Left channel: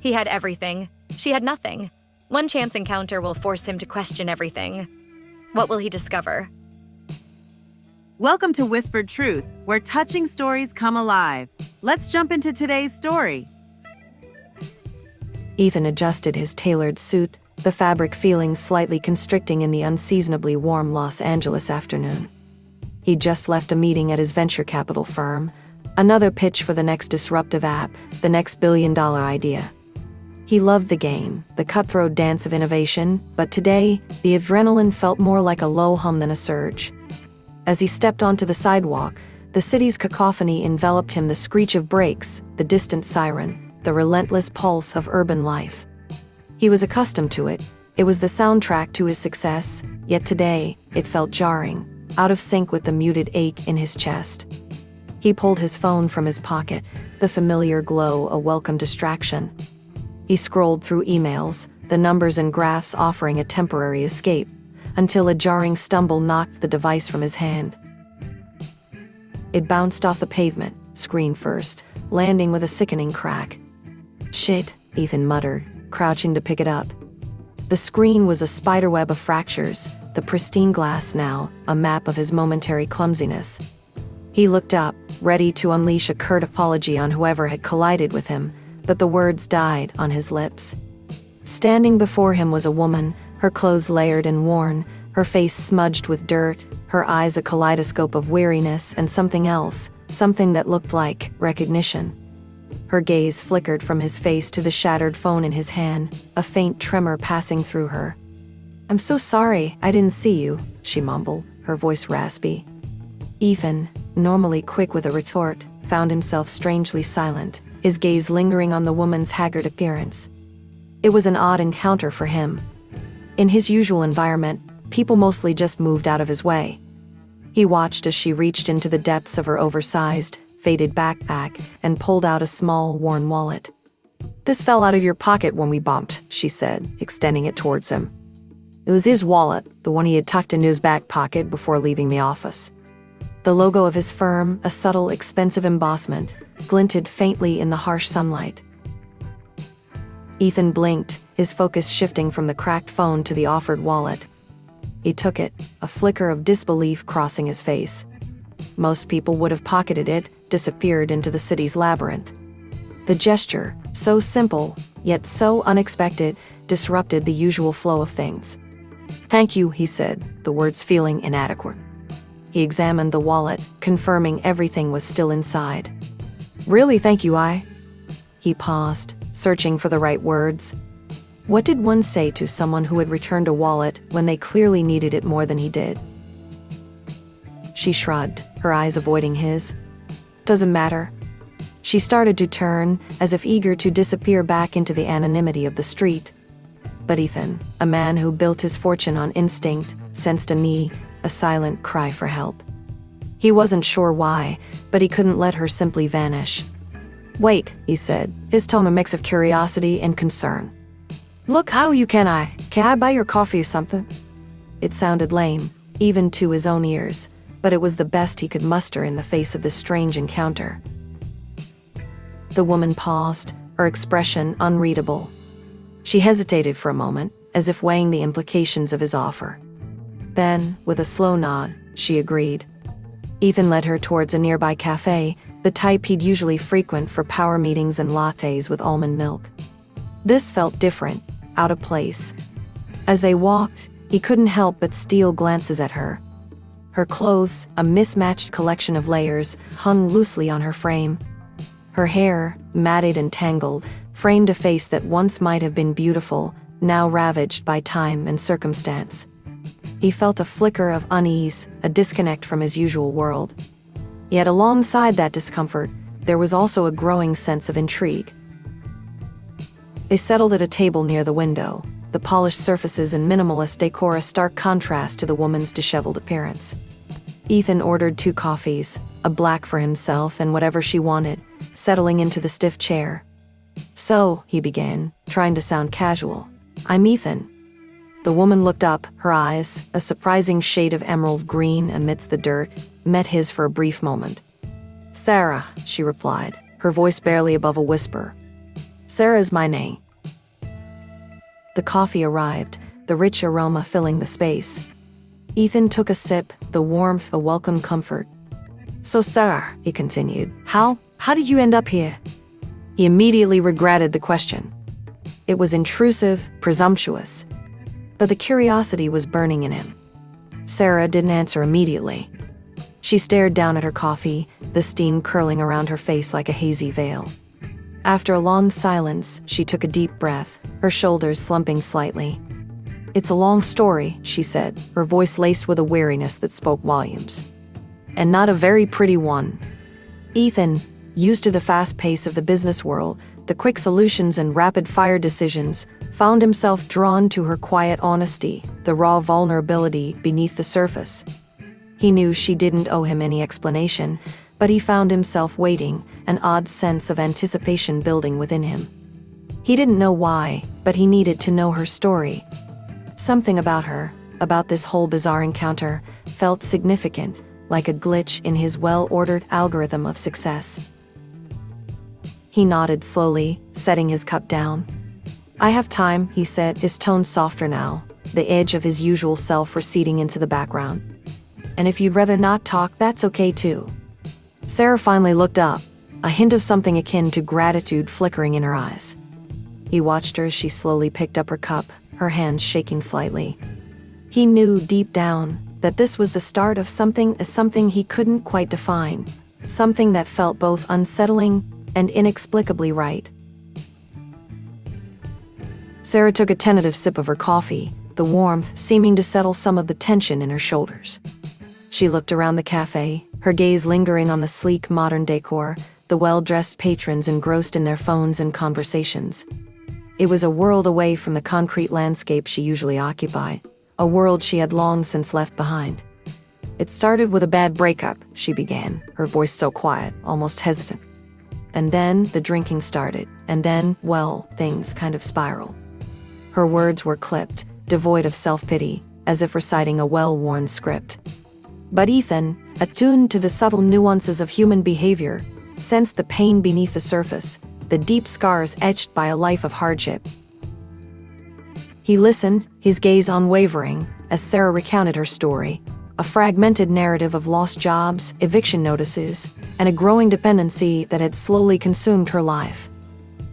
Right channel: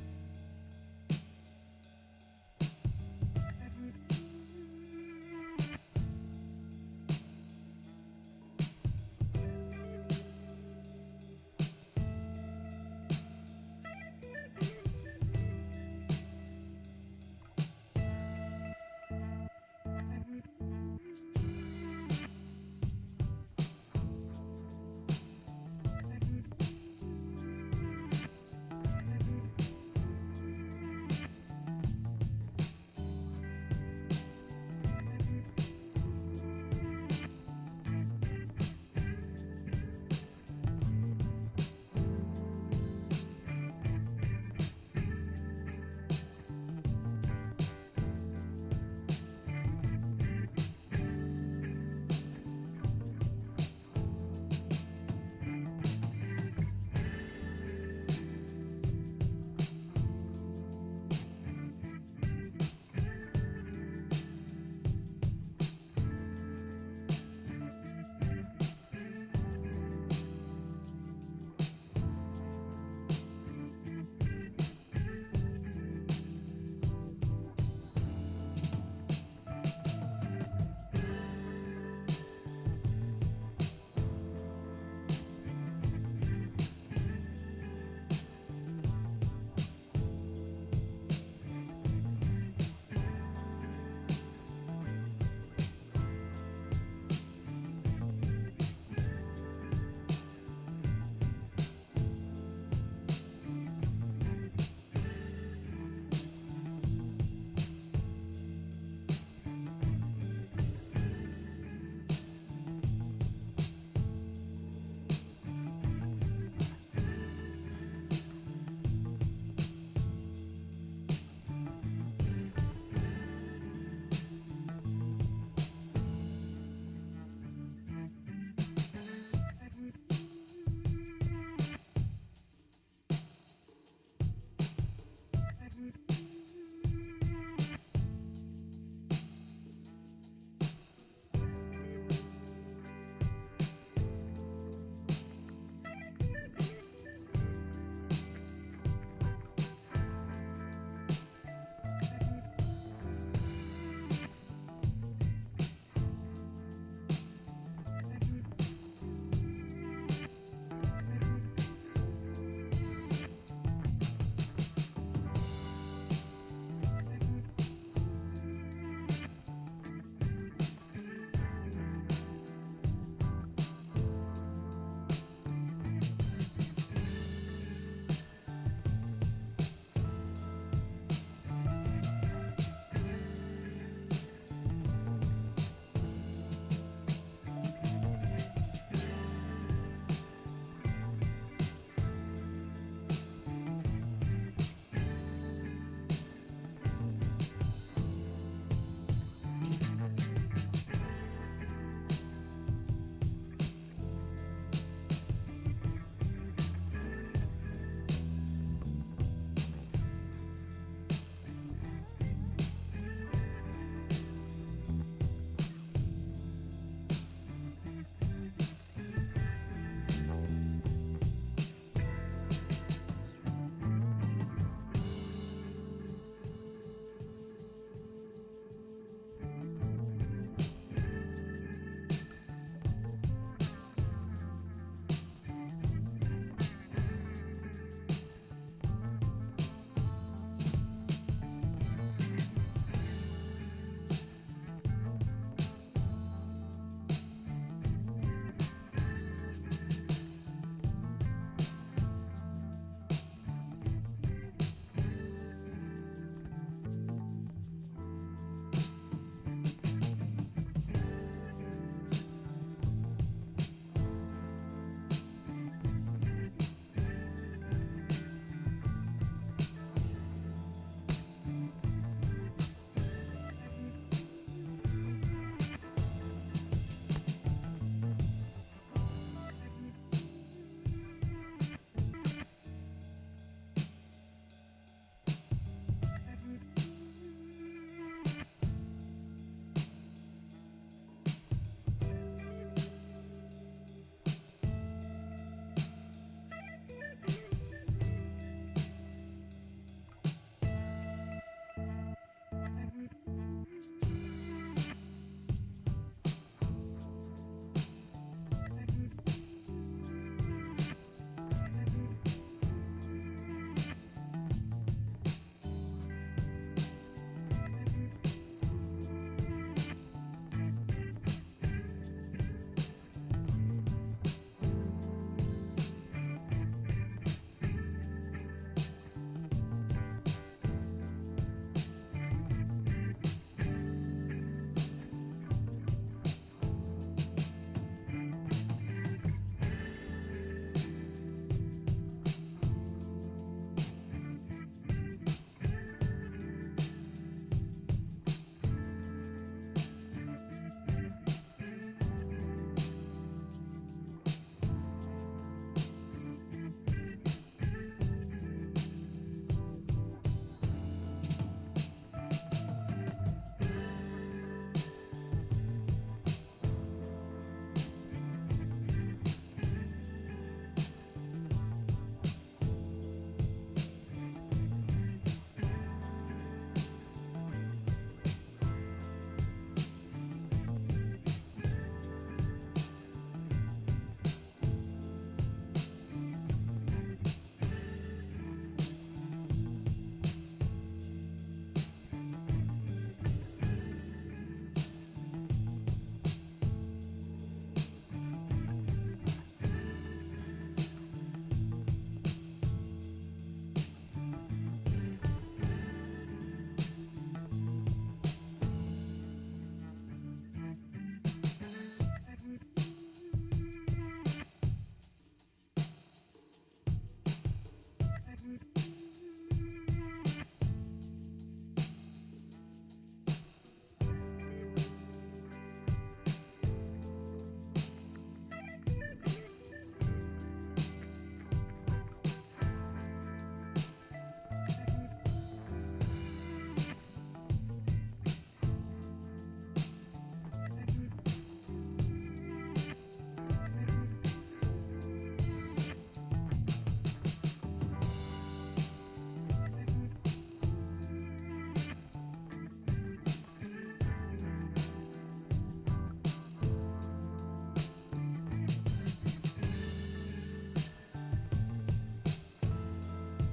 He had everything. She had nothing. One chance encounter will force him to question everything. What will he discover? Welcome to Whispered Truth, where touching stories come alive. Let's jump into today's story. Ethan adjusted his tailored suit, the fabric feeling slightly constricting in the unseasonably warm Los Angeles afternoon. He'd just left a meeting at his venture capital firm, another pitch for the next disruptive app, the next billion-dollar idea. He loved the game, the cutthroat dance of innovation, but today, the adrenaline felt more like a low hum than a surge. As he stepped onto the sidewalk, the city's cacophony enveloped him, the screech of brakes, the distant siren, the relentless pulse of urban life. He was accustomed to it. It was the soundtrack to his success, yet today, it felt jarring, out of sync with the muted ache in his chest. He pulled his phone from his pocket, the familiar glow a welcome distraction. He scrolled through emails, the numbers and graphs offering a temporary escape, until a jarring stumble knocked the device from his hand. It bounced off the pavement, screen first, landing with a sickening crack. "Shit," Ethan muttered, crouching to pick it up. The screen was a spiderweb of fractures, the pristine glass now, a map of his momentary clumsiness. He looked up, ready to unleash a curt apology on whoever had collided with him, but the words died on his lips. Standing before him was a woman, her clothes layered and worn, her face smudged with dirt, her eyes a kaleidoscope of weariness and something else, something that looked like recognition. Her gaze flickered from his face to the shattered phone in his hand, a faint tremor passing through her. "I'm so sorry, I didn't see you," she mumbled, her voice raspy. Ethan, normally quick with a retort, found himself strangely silent, his gaze lingering on the woman's haggard appearance. It was an odd encounter for him. In his usual environment, people mostly just moved out of his way. He watched as she reached into the depths of her oversized, faded backpack and pulled out a small, worn wallet. "This fell out of your pocket when we bumped," she said, extending it towards him. It was his wallet, the one he had tucked into his back pocket before leaving the office. The logo of his firm, a subtle, expensive embossment, glinted faintly in the harsh sunlight. Ethan blinked, his focus shifting from the cracked phone to the offered wallet. He took it, a flicker of disbelief crossing his face. Most people would have pocketed it, disappeared into the city's labyrinth. The gesture, so simple, yet so unexpected, disrupted the usual flow of things. "Thank you," he said, the words feeling inadequate. He examined the wallet, confirming everything was still inside. "Really, thank you, He paused, searching for the right words. What did one say to someone who had returned a wallet when they clearly needed it more than he did? She shrugged, her eyes avoiding his. "Doesn't matter." She started to turn, as if eager to disappear back into the anonymity of the street. But Ethan, a man who built his fortune on instinct, sensed a silent cry for help. He wasn't sure why, but he couldn't let her simply vanish. "Wait," he said, his tone a mix of curiosity and concern. "Look, how you can I buy your coffee or something?" It sounded lame, even to his own ears, but it was the best he could muster in the face of this strange encounter. The woman paused, her expression unreadable. She hesitated for a moment, as if weighing the implications of his offer. Then, with a slow nod, she agreed. Ethan led her towards a nearby cafe, the type he'd usually frequent for power meetings and lattes with almond milk. This felt different, out of place. As they walked, he couldn't help but steal glances at her. Her clothes, a mismatched collection of layers, hung loosely on her frame. Her hair, matted and tangled, framed a face that once might have been beautiful, now ravaged by time and circumstance. He felt a flicker of unease, a disconnect from his usual world. Yet alongside that discomfort, there was also a growing sense of intrigue. They settled at a table near the window, the polished surfaces and minimalist decor a stark contrast to the woman's disheveled appearance. Ethan ordered 2 coffees, a black for himself and whatever she wanted, settling into the stiff chair. "So," he began, trying to sound casual, "I'm Ethan." The woman looked up, her eyes, a surprising shade of emerald green amidst the dirt, met his for a brief moment. "Sarah," she replied, her voice barely above a whisper. Sarah's my name. The coffee arrived, the rich aroma filling the space. Ethan took a sip, the warmth a welcome comfort. So Sarah, he continued, how did you end up here? He immediately regretted the question. It was intrusive, presumptuous. But the curiosity was burning in him. Sarah didn't answer immediately. She stared down at her coffee, the steam curling around her face like a hazy veil. After a long silence, she took a deep breath, her shoulders slumping slightly. It's a long story, she said, her voice laced with a weariness that spoke volumes. And not a very pretty one. Ethan, used to the fast pace of the business world, the quick solutions and rapid-fire decisions, found himself drawn to her quiet honesty, the raw vulnerability beneath the surface. He knew she didn't owe him any explanation, but he found himself waiting, an odd sense of anticipation building within him. He didn't know why, but he needed to know her story. Something about her, about this whole bizarre encounter, felt significant, like a glitch in his well-ordered algorithm of success. He nodded slowly, setting his cup down. I have time, he said, his tone softer now, the edge of his usual self receding into the background. And if you'd rather not talk, that's okay too. Sarah finally looked up, a hint of something akin to gratitude flickering in her eyes. He watched her as she slowly picked up her cup, her hands shaking slightly. He knew deep down that this was the start of something he couldn't quite define, something that felt both unsettling and inexplicably right. Sarah took a tentative sip of her coffee, the warmth seeming to settle some of the tension in her shoulders. She looked around the cafe, her gaze lingering on the sleek modern decor, the well-dressed patrons engrossed in their phones and conversations. It was a world away from the concrete landscape she usually occupied, a world she had long since left behind. It started with a bad breakup, she began, her voice so quiet, almost hesitant. And then the drinking started, and then, well, things kind of spiraled. Her words were clipped, devoid of self-pity, as if reciting a well-worn script. But Ethan, attuned to the subtle nuances of human behavior, sensed the pain beneath the surface, the deep scars etched by a life of hardship. He listened, his gaze unwavering, as Sarah recounted her story, a fragmented narrative of lost jobs, eviction notices, and a growing dependency that had slowly consumed her life.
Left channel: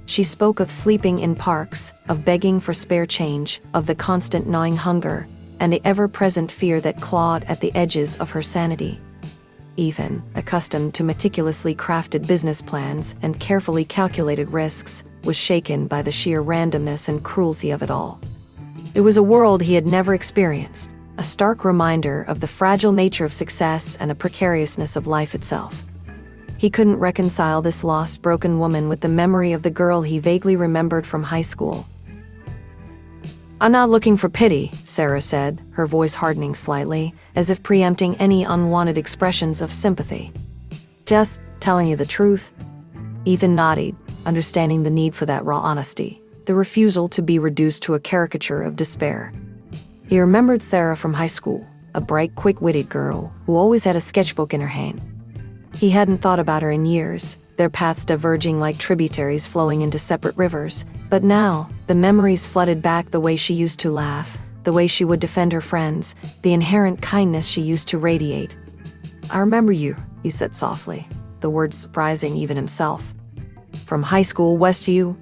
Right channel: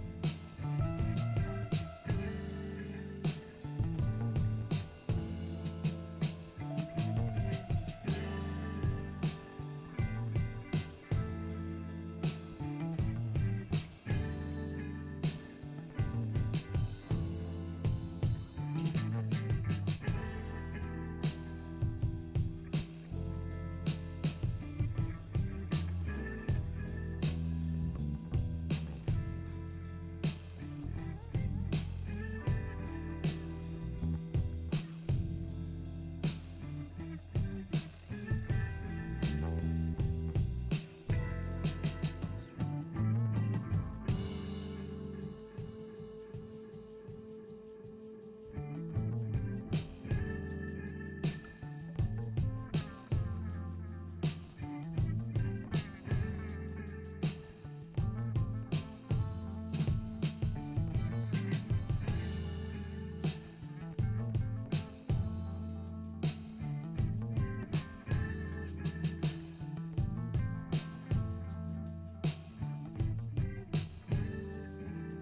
She spoke of sleeping in parks, of begging for spare change, of the constant gnawing hunger, and the ever-present fear that clawed at the edges of her sanity. Ethan, accustomed to meticulously crafted business plans and carefully calculated risks, was shaken by the sheer randomness and cruelty of it all. It was a world he had never experienced, a stark reminder of the fragile nature of success and the precariousness of life itself. He couldn't reconcile this lost, broken woman with the memory of the girl he vaguely remembered from high school. I'm not looking for pity, Sarah said, her voice hardening slightly, as if preempting any unwanted expressions of sympathy. Just telling you the truth. Ethan nodded, understanding the need for that raw honesty, the refusal to be reduced to a caricature of despair. He remembered Sarah from high school, a bright, quick-witted girl who always had a sketchbook in her hand. He hadn't thought about her in years, their paths diverging like tributaries flowing into separate rivers, but now, the memories flooded back, the way she used to laugh, the way she would defend her friends, the inherent kindness she used to radiate. I remember you, he said softly, the words surprising even himself. From high school, Westview?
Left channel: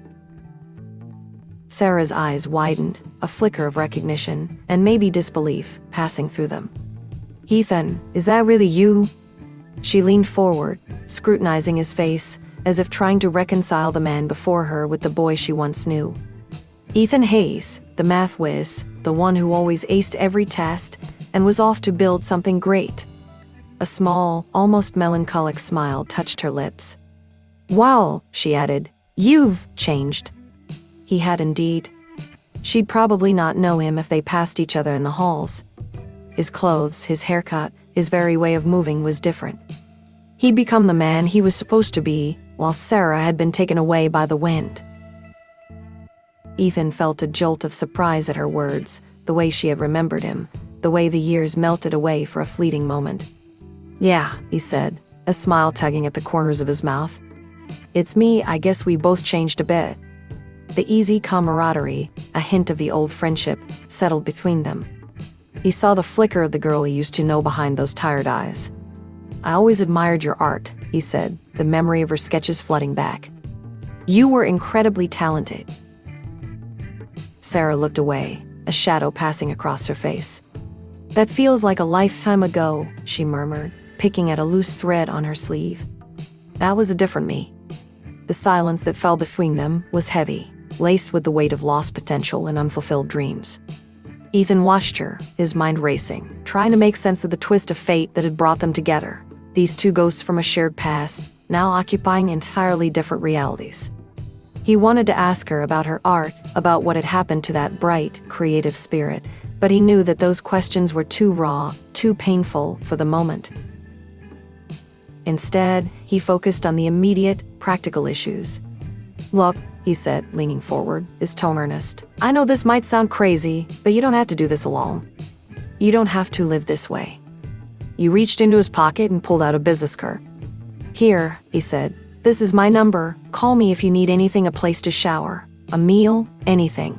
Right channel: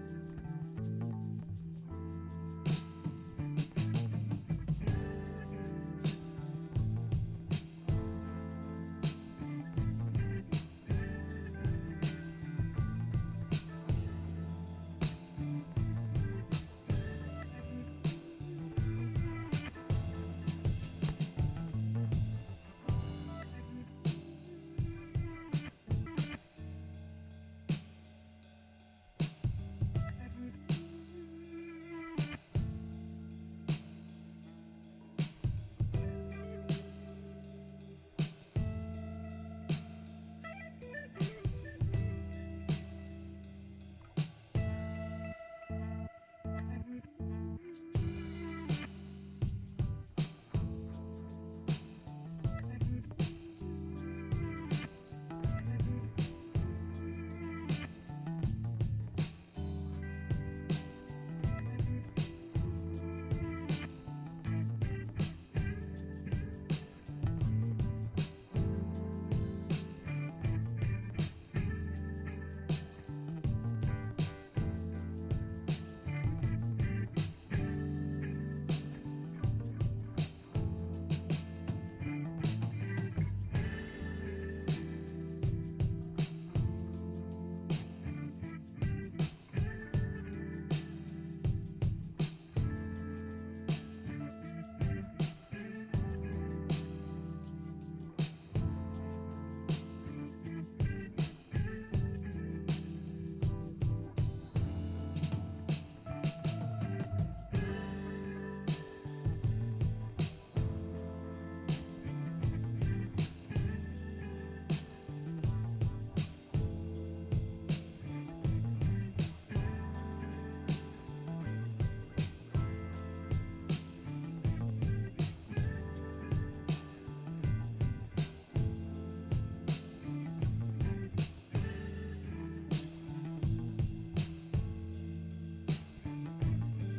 Sarah's eyes widened, a flicker of recognition, and maybe disbelief, passing through them. Ethan, is that really you? She leaned forward, scrutinizing his face, as if trying to reconcile the man before her with the boy she once knew. Ethan Hayes, the math whiz, the one who always aced every test, and was off to build something great. A small, almost melancholic smile touched her lips. Wow, she added, you've changed. He had indeed. She'd probably not know him if they passed each other in the halls. His clothes, his haircut, his very way of moving was different. He'd become the man he was supposed to be, while Sarah had been taken away by the wind. Ethan felt a jolt of surprise at her words, the way she had remembered him, the way the years melted away for a fleeting moment. Yeah, he said, a smile tugging at the corners of his mouth. It's me, I guess we both changed a bit. The easy camaraderie, a hint of the old friendship, settled between them. He saw the flicker of the girl he used to know behind those tired eyes. "I always admired your art," he said, the memory of her sketches flooding back. "You were incredibly talented." Sarah looked away, a shadow passing across her face. "That feels like a lifetime ago," she murmured, picking at a loose thread on her sleeve. "That was a different me." The silence that fell between them was heavy, laced with the weight of lost potential and unfulfilled dreams. Ethan watched her, his mind racing, trying to make sense of the twist of fate that had brought them together. These two ghosts from a shared past, now occupying entirely different realities. He wanted to ask her about her art, about what had happened to that bright, creative spirit, but he knew that those questions were too raw, too painful for the moment. Instead, he focused on the immediate, practical issues. "Look," he said, leaning forward, his tone earnest. "I know this might sound crazy, but you don't have to do this alone. You don't have to live this way." He reached into his pocket and pulled out a business card. "Here," he said, "this is my number. Call me if you need anything, a place to shower, a meal, anything."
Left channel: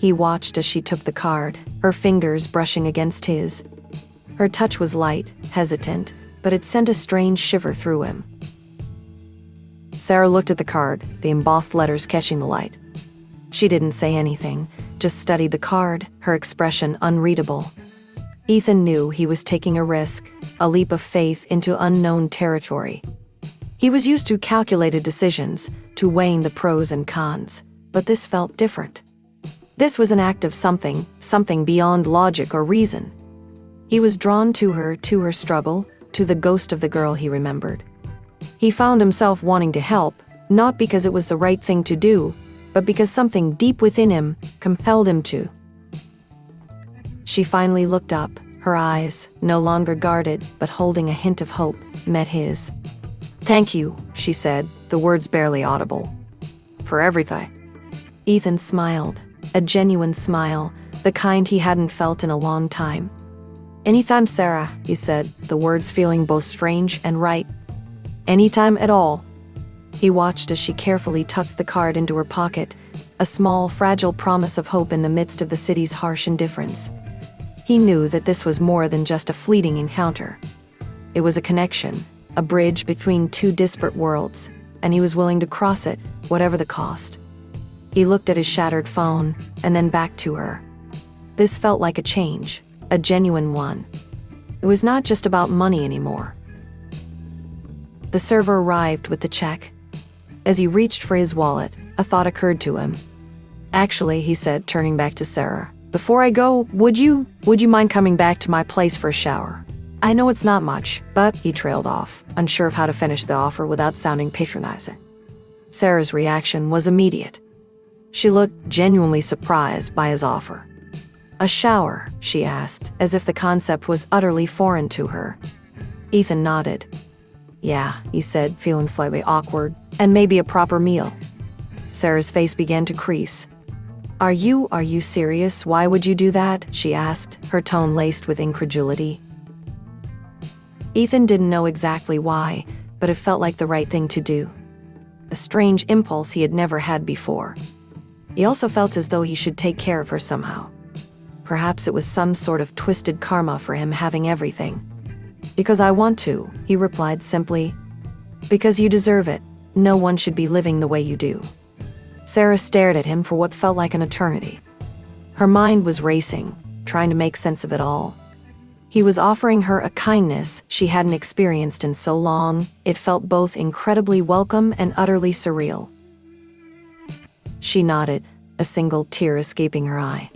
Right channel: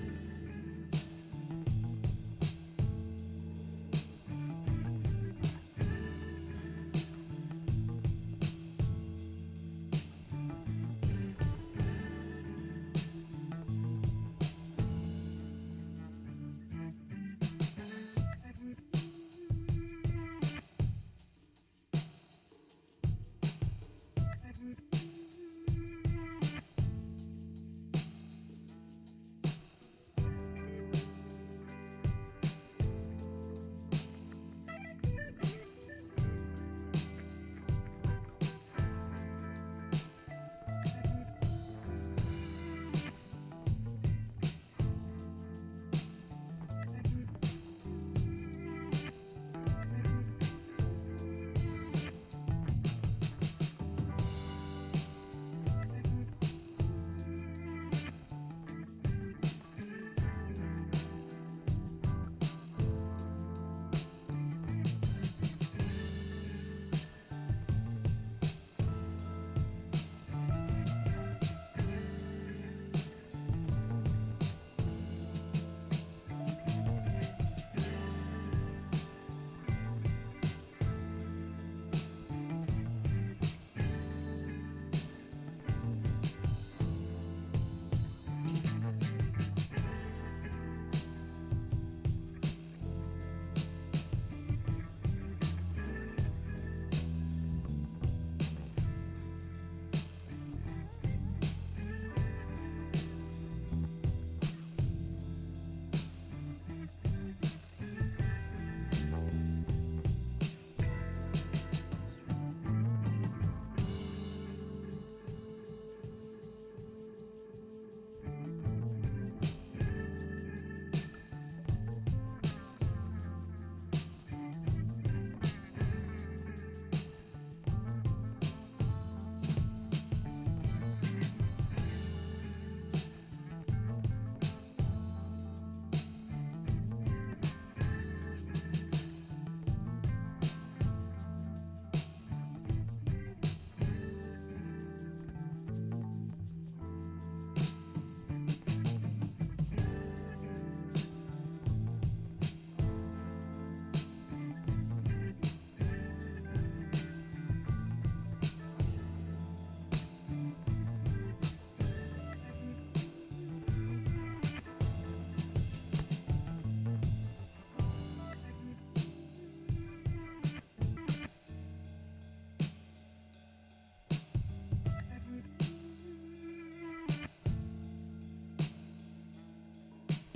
He watched as she took the card, her fingers brushing against his. Her touch was light, hesitant, but it sent a strange shiver through him. Sarah looked at the card, the embossed letters catching the light. She didn't say anything, just studied the card, her expression unreadable. Ethan knew he was taking a risk, a leap of faith into unknown territory. He was used to calculated decisions, to weighing the pros and cons, but this felt different. This was an act of something beyond logic or reason. He was drawn to her struggle, to the ghost of the girl he remembered. He found himself wanting to help, not because it was the right thing to do, but because something deep within him compelled him to. She finally looked up, her eyes, no longer guarded, but holding a hint of hope, met his. "Thank you," she said, the words barely audible. "For everything." Ethan smiled, a genuine smile, the kind he hadn't felt in a long time. "Anytime, Sarah," he said, the words feeling both strange and right. "Anytime at all." He watched as she carefully tucked the card into her pocket, a small, fragile promise of hope in the midst of the city's harsh indifference. He knew that this was more than just a fleeting encounter. It was a connection, a bridge between two disparate worlds, and he was willing to cross it, whatever the cost. He looked at his shattered phone, and then back to her. This felt like a change, a genuine one. It was not just about money anymore. The server arrived with the check. As he reached for his wallet, a thought occurred to him. "Actually," he said, turning back to Sarah, "before I go, would you mind coming back to my place for a shower? I know it's not much, but," he trailed off, unsure of how to finish the offer without sounding patronizing. Sarah's reaction was immediate. She looked genuinely surprised by his offer. "A shower?" she asked, as if the concept was utterly foreign to her. Ethan nodded. "Yeah," he said, feeling slightly awkward, "and maybe a proper meal." Sarah's face began to crease. Are you serious? Why would you do that?" she asked, her tone laced with incredulity. Ethan didn't know exactly why, but it felt like the right thing to do. A strange impulse he had never had before. He also felt as though he should take care of her somehow. Perhaps it was some sort of twisted karma for him having everything. "Because I want to," he replied simply. "Because you deserve it. No one should be living the way you do." Sarah stared at him for what felt like an eternity. Her mind was racing, trying to make sense of it all. He was offering her a kindness she hadn't experienced in so long. It felt both incredibly welcome and utterly surreal. She nodded, a single tear escaping her eye.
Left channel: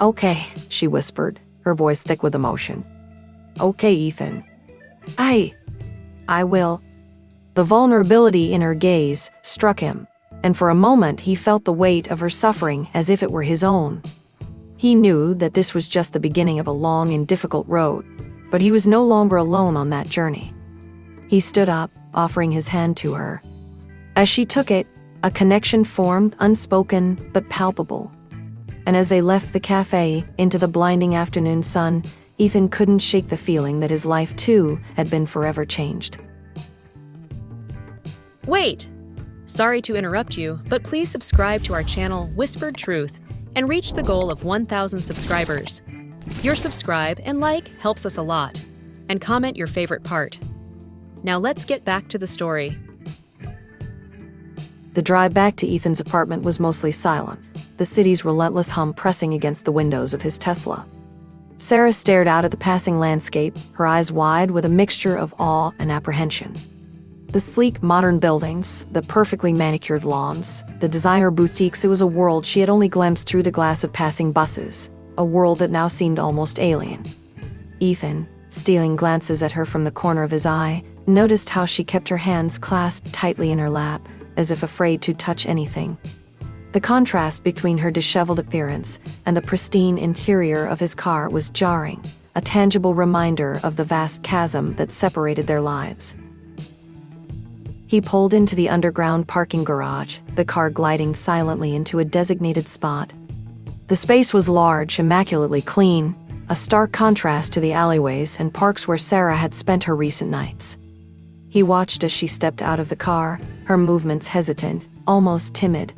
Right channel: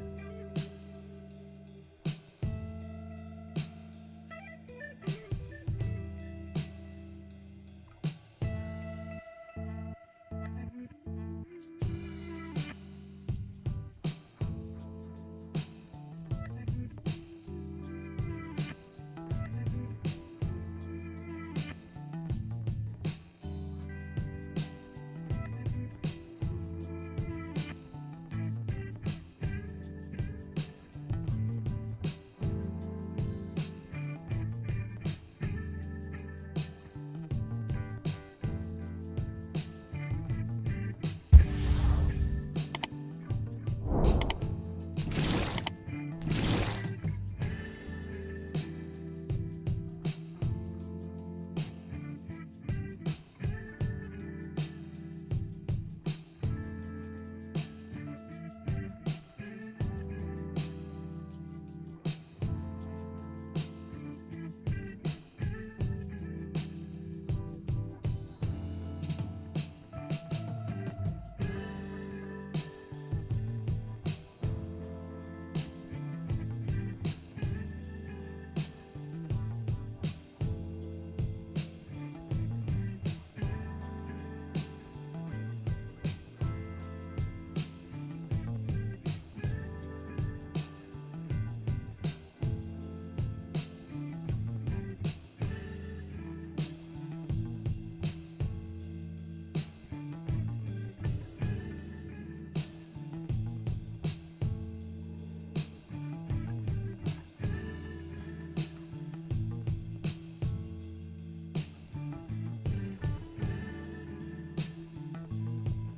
"Okay," she whispered, her voice thick with emotion. "Okay, Ethan. I will." The vulnerability in her gaze struck him, and for a moment he felt the weight of her suffering as if it were his own. He knew that this was just the beginning of a long and difficult road, but he was no longer alone on that journey. He stood up, offering his hand to her. As she took it, a connection formed, unspoken but palpable. And as they left the cafe, into the blinding afternoon sun, Ethan couldn't shake the feeling that his life, too, had been forever changed. Wait! Sorry to interrupt you, but please subscribe to our channel Whispered Truth and reach the goal of 1,000 subscribers. Your subscribe and like helps us a lot, and comment your favorite part. Now let's get back to the story. The drive back to Ethan's apartment was mostly silent, the city's relentless hum pressing against the windows of his Tesla. Sarah stared out at the passing landscape, her eyes wide with a mixture of awe and apprehension. The sleek, modern buildings, the perfectly manicured lawns, the designer boutiques, it was a world she had only glimpsed through the glass of passing buses, a world that now seemed almost alien. Ethan, stealing glances at her from the corner of his eye, noticed how she kept her hands clasped tightly in her lap, as if afraid to touch anything. The contrast between her disheveled appearance and the pristine interior of his car was jarring, a tangible reminder of the vast chasm that separated their lives. He pulled into the underground parking garage, the car gliding silently into a designated spot. The space was large, immaculately clean, a stark contrast to the alleyways and parks where Sarah had spent her recent nights. He watched as she stepped out of the car, her movements hesitant, almost timid.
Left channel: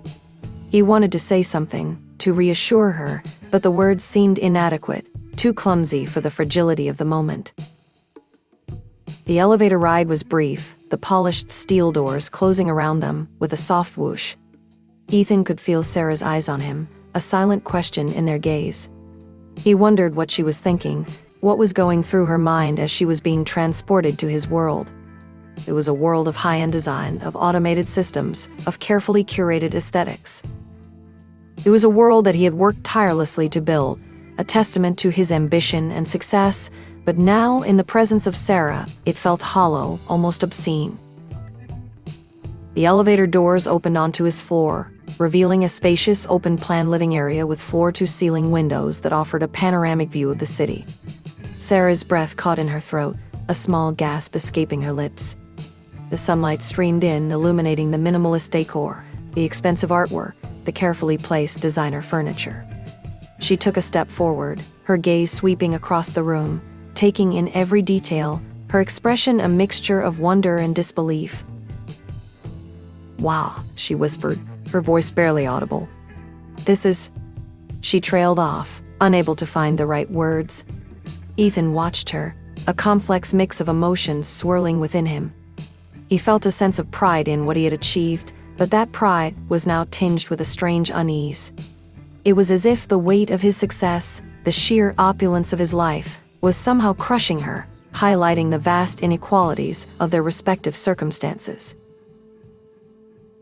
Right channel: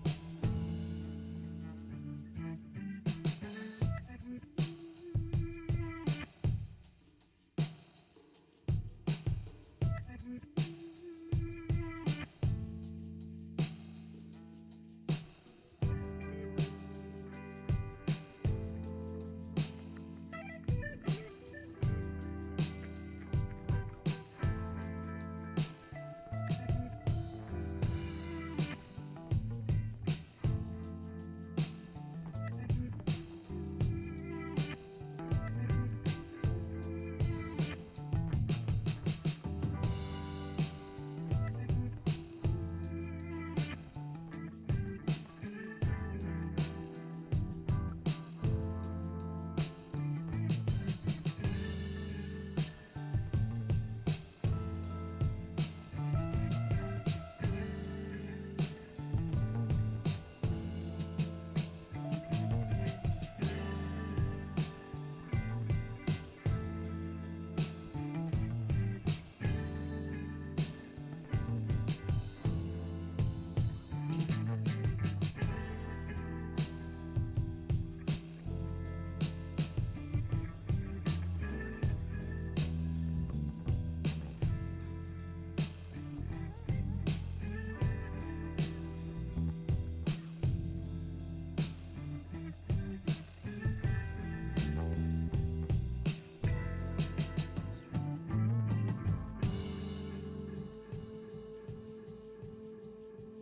He wanted to say something, to reassure her, but the words seemed inadequate, too clumsy for the fragility of the moment. The elevator ride was brief, the polished steel doors closing around them with a soft whoosh. Ethan could feel Sarah's eyes on him, a silent question in their gaze. He wondered what she was thinking, what was going through her mind as she was being transported to his world. It was a world of high-end design, of automated systems, of carefully curated aesthetics. It was a world that he had worked tirelessly to build, a testament to his ambition and success, but now, in the presence of Sarah, it felt hollow, almost obscene. The elevator doors opened onto his floor, revealing a spacious, open-plan living area with floor-to-ceiling windows that offered a panoramic view of the city. Sarah's breath caught in her throat, a small gasp escaping her lips. The sunlight streamed in, illuminating the minimalist decor, the expensive artwork, the carefully placed designer furniture. She took a step forward, her gaze sweeping across the room, taking in every detail, her expression a mixture of wonder and disbelief. "Wow," she whispered, her voice barely audible. "This is..." She trailed off, unable to find the right words. Ethan watched her, a complex mix of emotions swirling within him. He felt a sense of pride in what he had achieved, but that pride was now tinged with a strange unease. It was as if the weight of his success, the sheer opulence of his life, was somehow crushing her, highlighting the vast inequalities of their respective circumstances.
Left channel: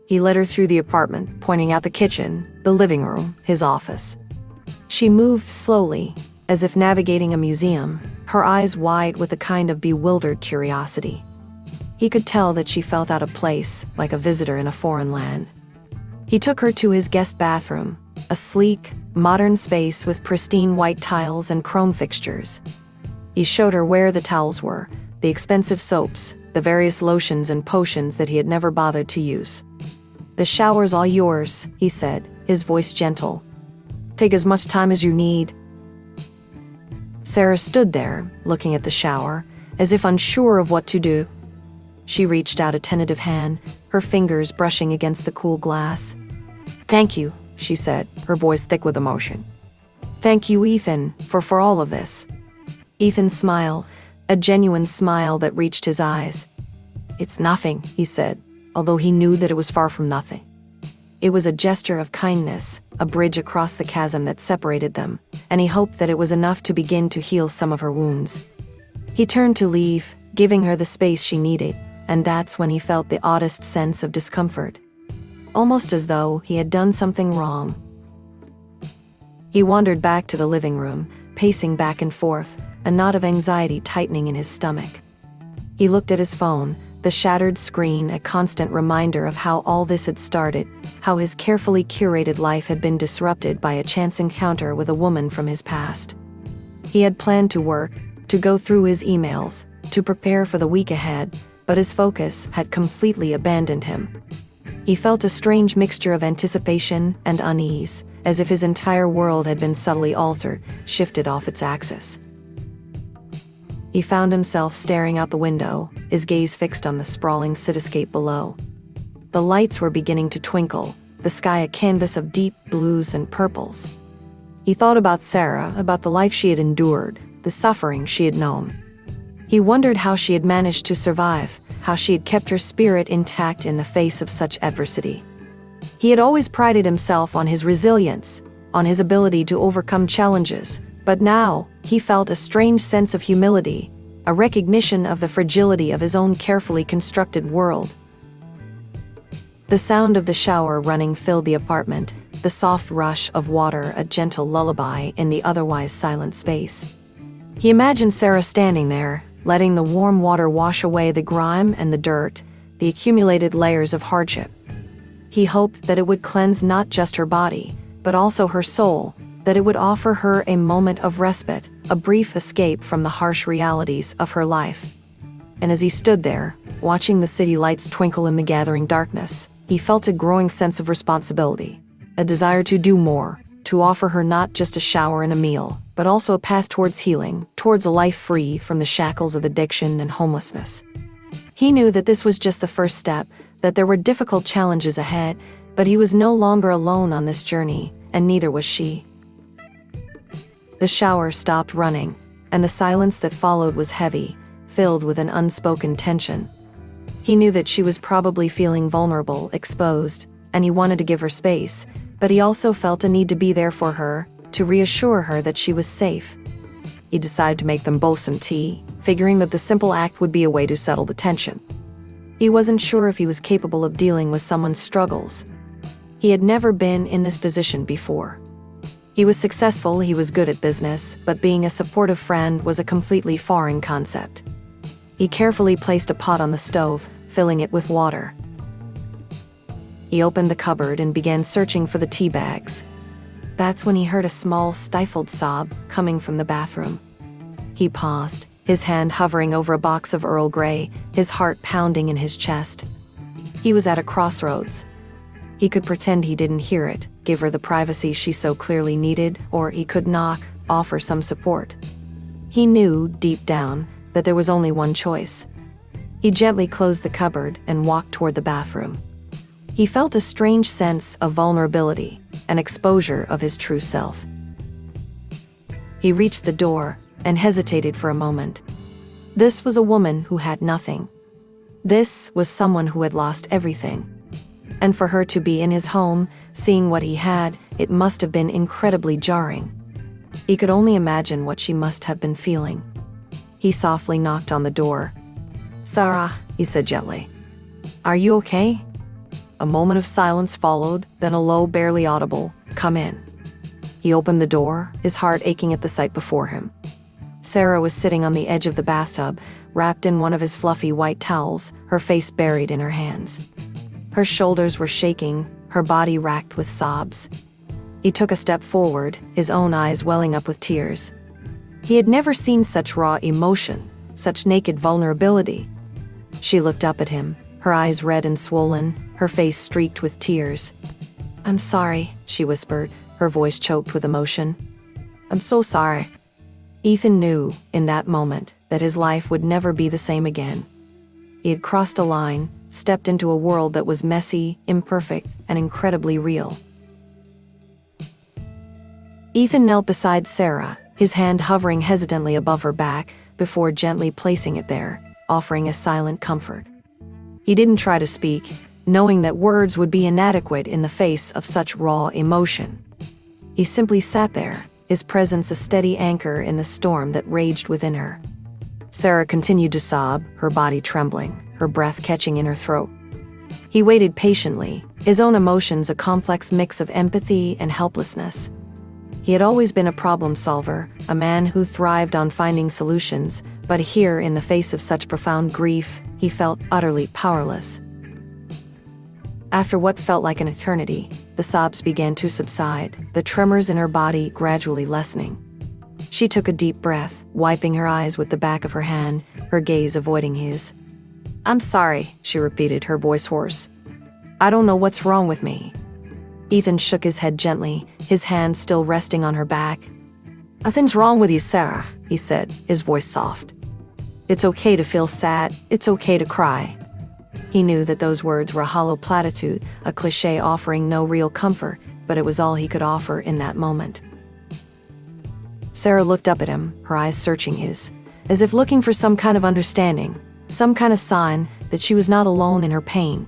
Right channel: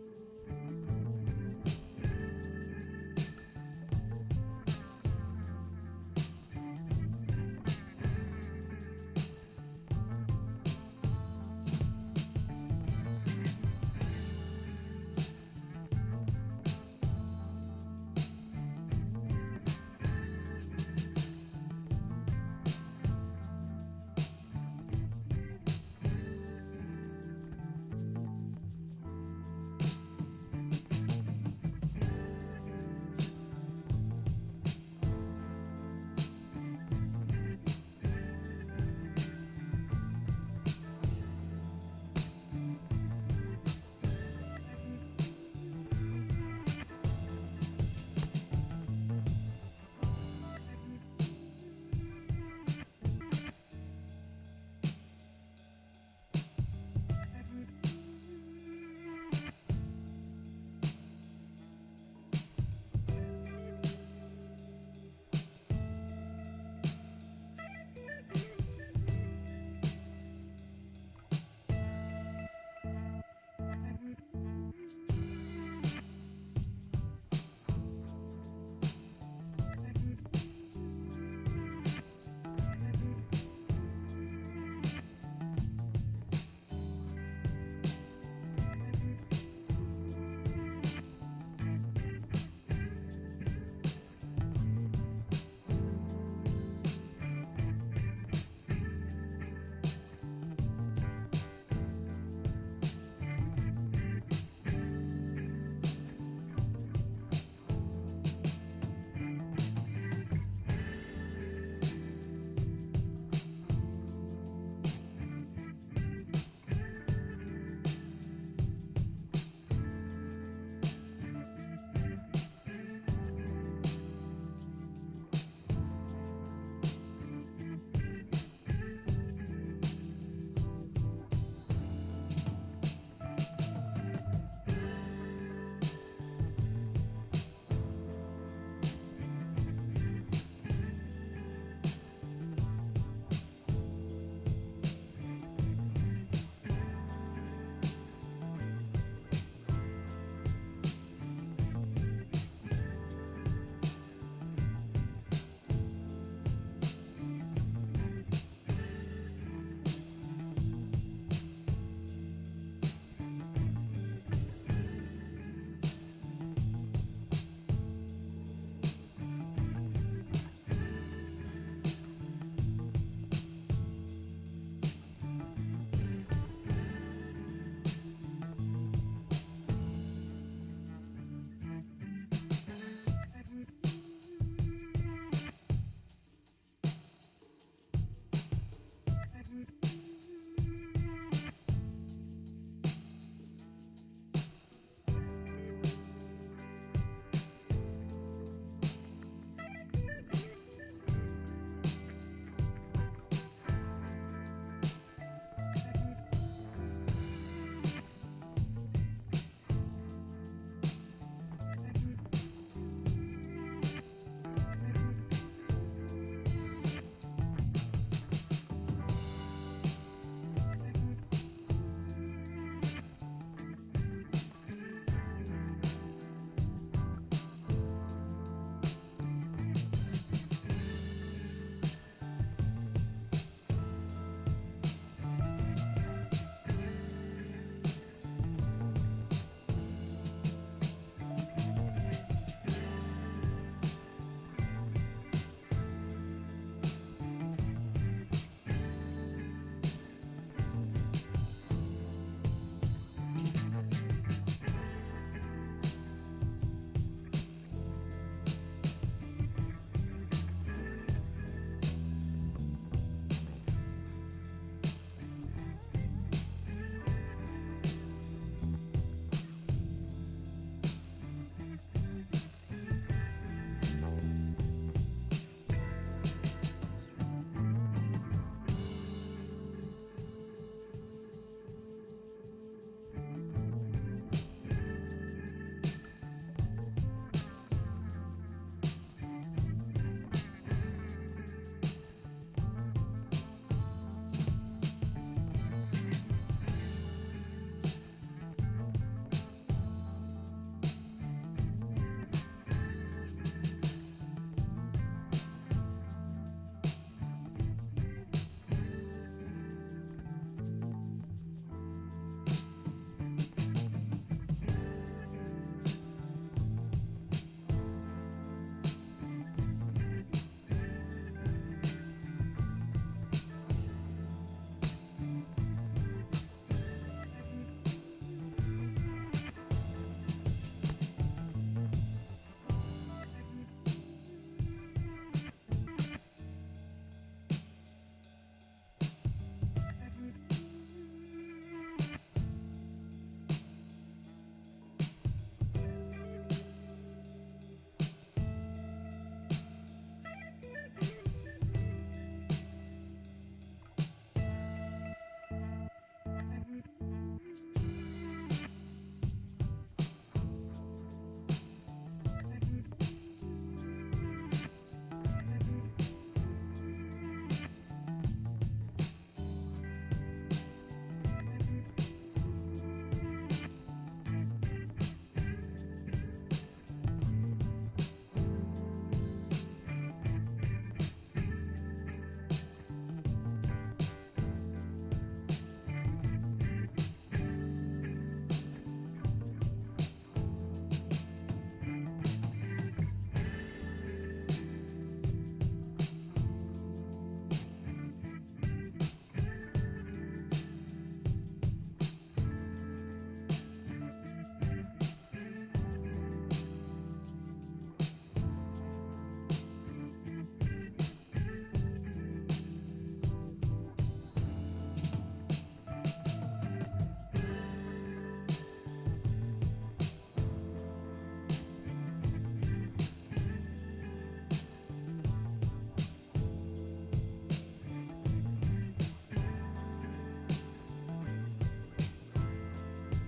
He led her through the apartment, pointing out the kitchen, the living room, his office. She moved slowly, as if navigating a museum, her eyes wide with a kind of bewildered curiosity. He could tell that she felt out of place, like a visitor in a foreign land. He took her to his guest bathroom, a sleek, modern space with pristine white tiles and chrome fixtures. He showed her where the towels were, the expensive soaps, the various lotions and potions that he had never bothered to use. "The shower's all yours," he said, his voice gentle. "Take as much time as you need." Sarah stood there, looking at the shower, as if unsure of what to do. She reached out a tentative hand, her fingers brushing against the cool glass. "Thank you," she said, her voice thick with emotion. "Thank you, Ethan, for all of this." Ethan smiled, a genuine smile that reached his eyes. "It's nothing," he said, although he knew that it was far from nothing. It was a gesture of kindness, a bridge across the chasm that separated them, and he hoped that it was enough to begin to heal some of her wounds. He turned to leave, giving her the space she needed, and that's when he felt the oddest sense of discomfort. Almost as though he had done something wrong. He wandered back to the living room, pacing back and forth, a knot of anxiety tightening in his stomach. He looked at his phone, the shattered screen a constant reminder of how all this had started, how his carefully curated life had been disrupted by a chance encounter with a woman from his past. He had planned to work, to go through his emails, to prepare for the week ahead, but his focus had completely abandoned him. He felt a strange mixture of anticipation and unease, as if his entire world had been subtly altered, shifted off its axis. He found himself staring out the window, his gaze fixed on the sprawling cityscape below. The lights were beginning to twinkle, the sky a canvas of deep blues and purples. He thought about Sarah, about the life she had endured, the suffering she had known. He wondered how she had managed to survive, how she had kept her spirit intact in the face of such adversity. He had always prided himself on his resilience, on his ability to overcome challenges, but now he felt a strange sense of humility, a recognition of the fragility of his own carefully constructed world. The sound of the shower running filled the apartment, the soft rush of water a gentle lullaby in the otherwise silent space. He imagined Sarah standing there, letting the warm water wash away the grime and the dirt, the accumulated layers of hardship. He hoped that it would cleanse not just her body, but also her soul, that it would offer her a moment of respite, a brief escape from the harsh realities of her life. And as he stood there, watching the city lights twinkle in the gathering darkness, he felt a growing sense of responsibility, a desire to do more, to offer her not just a shower and a meal, but also a path towards healing, towards a life free from the shackles of addiction and homelessness. He knew that this was just the first step, that there were difficult challenges ahead, but he was no longer alone on this journey, and neither was she. The shower stopped running, and the silence that followed was heavy, filled with an unspoken tension. He knew that she was probably feeling vulnerable, exposed, and he wanted to give her space, but he also felt a need to be there for her, to reassure her that she was safe. He decided to make them both some tea, figuring that the simple act would be a way to settle the tension. He wasn't sure if he was capable of dealing with someone's struggles. He had never been in this position before. He was successful, he was good at business, but being a supportive friend was a completely foreign concept. He carefully placed a pot on the stove, filling it with water. He opened the cupboard and began searching for the tea bags. That's when he heard a small, stifled sob coming from the bathroom. He paused, his hand hovering over a box of Earl Grey, his heart pounding in his chest. He was at a crossroads. He could pretend he didn't hear it, give her the privacy she so clearly needed, or he could knock, offer some support. He knew, deep down, that there was only one choice. He gently closed the cupboard and walked toward the bathroom. He felt a strange sense of vulnerability, an exposure of his true self. He reached the door and hesitated for a moment. This was a woman who had nothing. This was someone who had lost everything. And for her to be in his home, seeing what he had, it must have been incredibly jarring. He could only imagine what she must have been feeling. He softly knocked on the door. "Sarah," he said gently. "Are you okay?" A moment of silence followed, then a low, barely audible, "Come in." He opened the door, his heart aching at the sight before him. Sarah was sitting on the edge of the bathtub, wrapped in one of his fluffy white towels, her face buried in her hands. Her shoulders were shaking, her body racked with sobs. He took a step forward, his own eyes welling up with tears. He had never seen such raw emotion, such naked vulnerability. She looked up at him, her eyes red and swollen, her face streaked with tears. "I'm sorry," she whispered, her voice choked with emotion. "I'm so sorry." Ethan knew, in that moment, that his life would never be the same again. He had crossed a line, stepped into a world that was messy, imperfect, and incredibly real. Ethan knelt beside Sarah, his hand hovering hesitantly above her back, before gently placing it there, offering a silent comfort. He didn't try to speak, knowing that words would be inadequate in the face of such raw emotion. He simply sat there, his presence a steady anchor in the storm that raged within her. Sarah continued to sob, her body trembling, her breath catching in her throat. He waited patiently, his own emotions a complex mix of empathy and helplessness. He had always been a problem solver, a man who thrived on finding solutions, but here, in the face of such profound grief, he felt utterly powerless. After what felt like an eternity, the sobs began to subside, the tremors in her body gradually lessening. She took a deep breath, wiping her eyes with the back of her hand, her gaze avoiding his. "I'm sorry," she repeated, her voice hoarse. "I don't know what's wrong with me." Ethan shook his head gently, his hand still resting on her back. "Nothing's wrong with you, Sarah," he said, his voice soft. "It's okay to feel sad, it's okay to cry." He knew that those words were a hollow platitude, a cliché offering no real comfort, but it was all he could offer in that moment. Sarah looked up at him, her eyes searching his, as if looking for some kind of understanding, some kind of sign that she was not alone in her pain.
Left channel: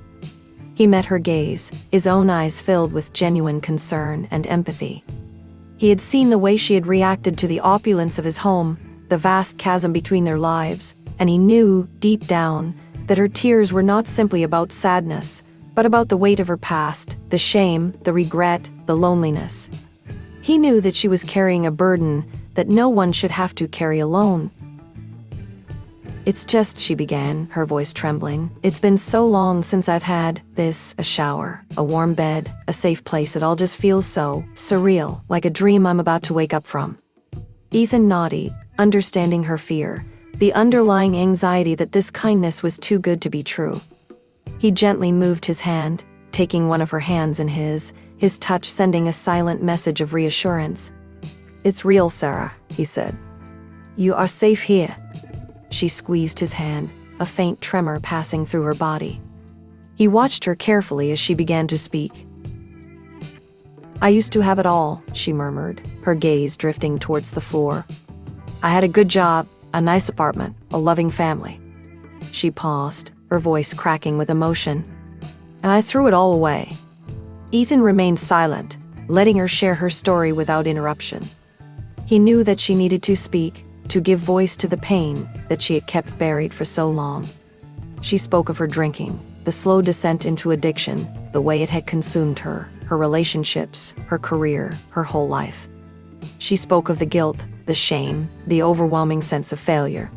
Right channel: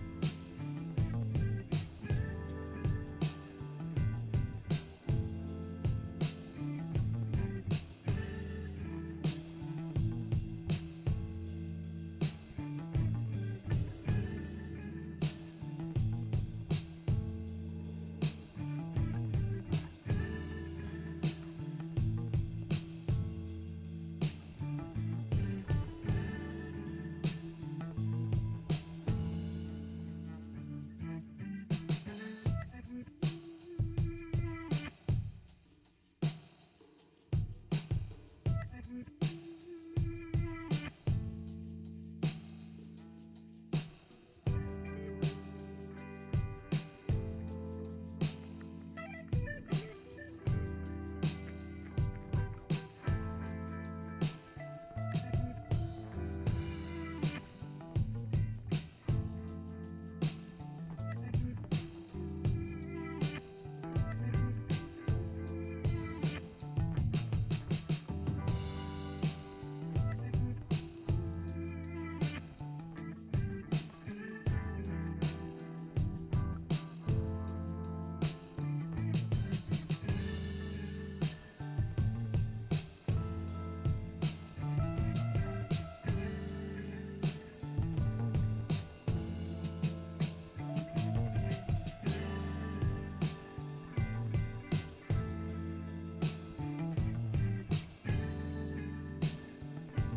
He met her gaze, his own eyes filled with genuine concern and empathy. He had seen the way she had reacted to the opulence of his home, the vast chasm between their lives, and he knew, deep down, that her tears were not simply about sadness, but about the weight of her past, the shame, the regret, the loneliness. He knew that she was carrying a burden that no one should have to carry alone. "It's just," she began, her voice trembling. "It's been so long since I've had this, a shower, a warm bed, a safe place. It all just feels so surreal, like a dream I'm about to wake up from." Ethan nodded, understanding her fear, the underlying anxiety that this kindness was too good to be true. He gently moved his hand, taking one of her hands in his touch sending a silent message of reassurance. "It's real, Sarah," he said. "You are safe here." She squeezed his hand, a faint tremor passing through her body. He watched her carefully as she began to speak. "I used to have it all," she murmured, her gaze drifting towards the floor. "I had a good job, a nice apartment, a loving family." She paused, her voice cracking with emotion. "And I threw it all away." Ethan remained silent, letting her share her story without interruption. He knew that she needed to speak, to give voice to the pain that she had kept buried for so long. She spoke of her drinking, the slow descent into addiction, the way it had consumed her, her relationships, her career, her whole life. She spoke of the guilt, the shame, the overwhelming sense of failure.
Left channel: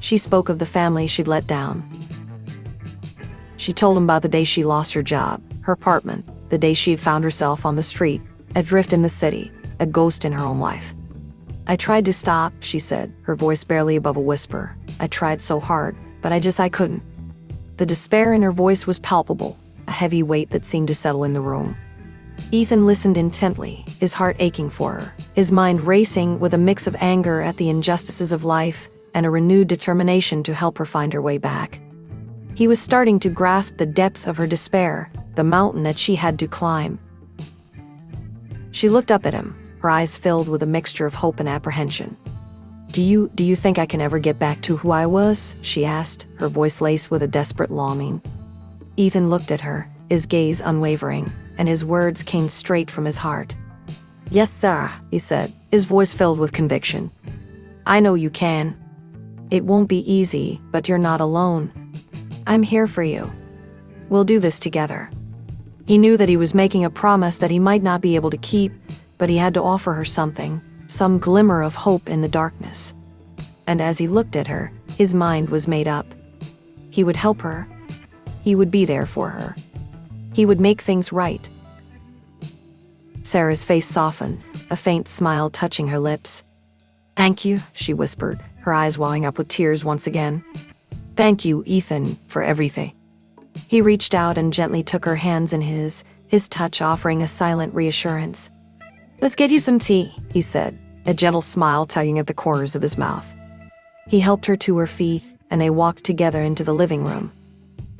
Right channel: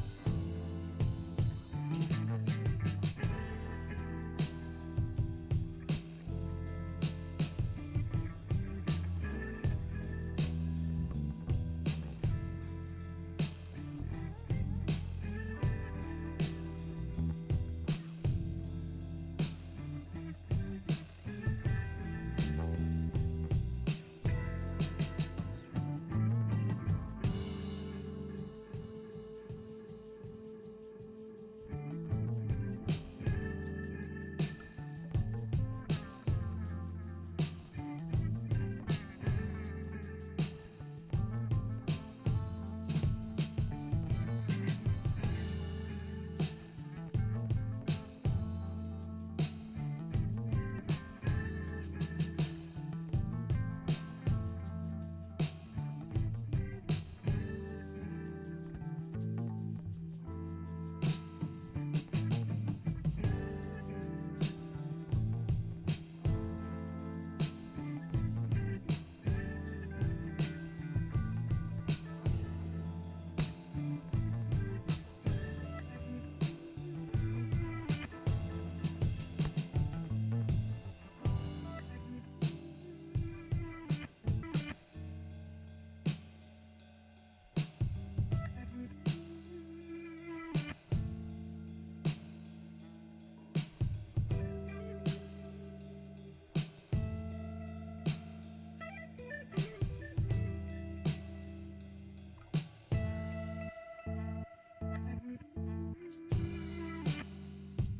She spoke of the family she'd let down. She told him about the day she lost her job, her apartment, the day she had found herself on the street, adrift in the city, a ghost in her own life. "I tried to stop," she said, her voice barely above a whisper. "I tried so hard, but I couldn't." The despair in her voice was palpable, a heavy weight that seemed to settle in the room. Ethan listened intently, his heart aching for her, his mind racing with a mix of anger at the injustices of life and a renewed determination to help her find her way back. He was starting to grasp the depth of her despair, the mountain that she had to climb. She looked up at him, her eyes filled with a mixture of hope and apprehension. Do you think I can ever get back to who I was?" she asked, her voice laced with a desperate longing. Ethan looked at her, his gaze unwavering, and his words came straight from his heart. "Yes, Sarah," he said, his voice filled with conviction. "I know you can. It won't be easy, but you're not alone. I'm here for you. We'll do this together." He knew that he was making a promise that he might not be able to keep, but he had to offer her something, some glimmer of hope in the darkness. And as he looked at her, his mind was made up. He would help her. He would be there for her. He would make things right. Sarah's face softened, a faint smile touching her lips. "Thank you," she whispered, her eyes welling up with tears once again. "Thank you, Ethan, for everything." He reached out and gently took her hands in his touch offering a silent reassurance. "Let's get you some tea," he said, a gentle smile tugging at the corners of his mouth. He helped her to her feet, and they walked together into the living room.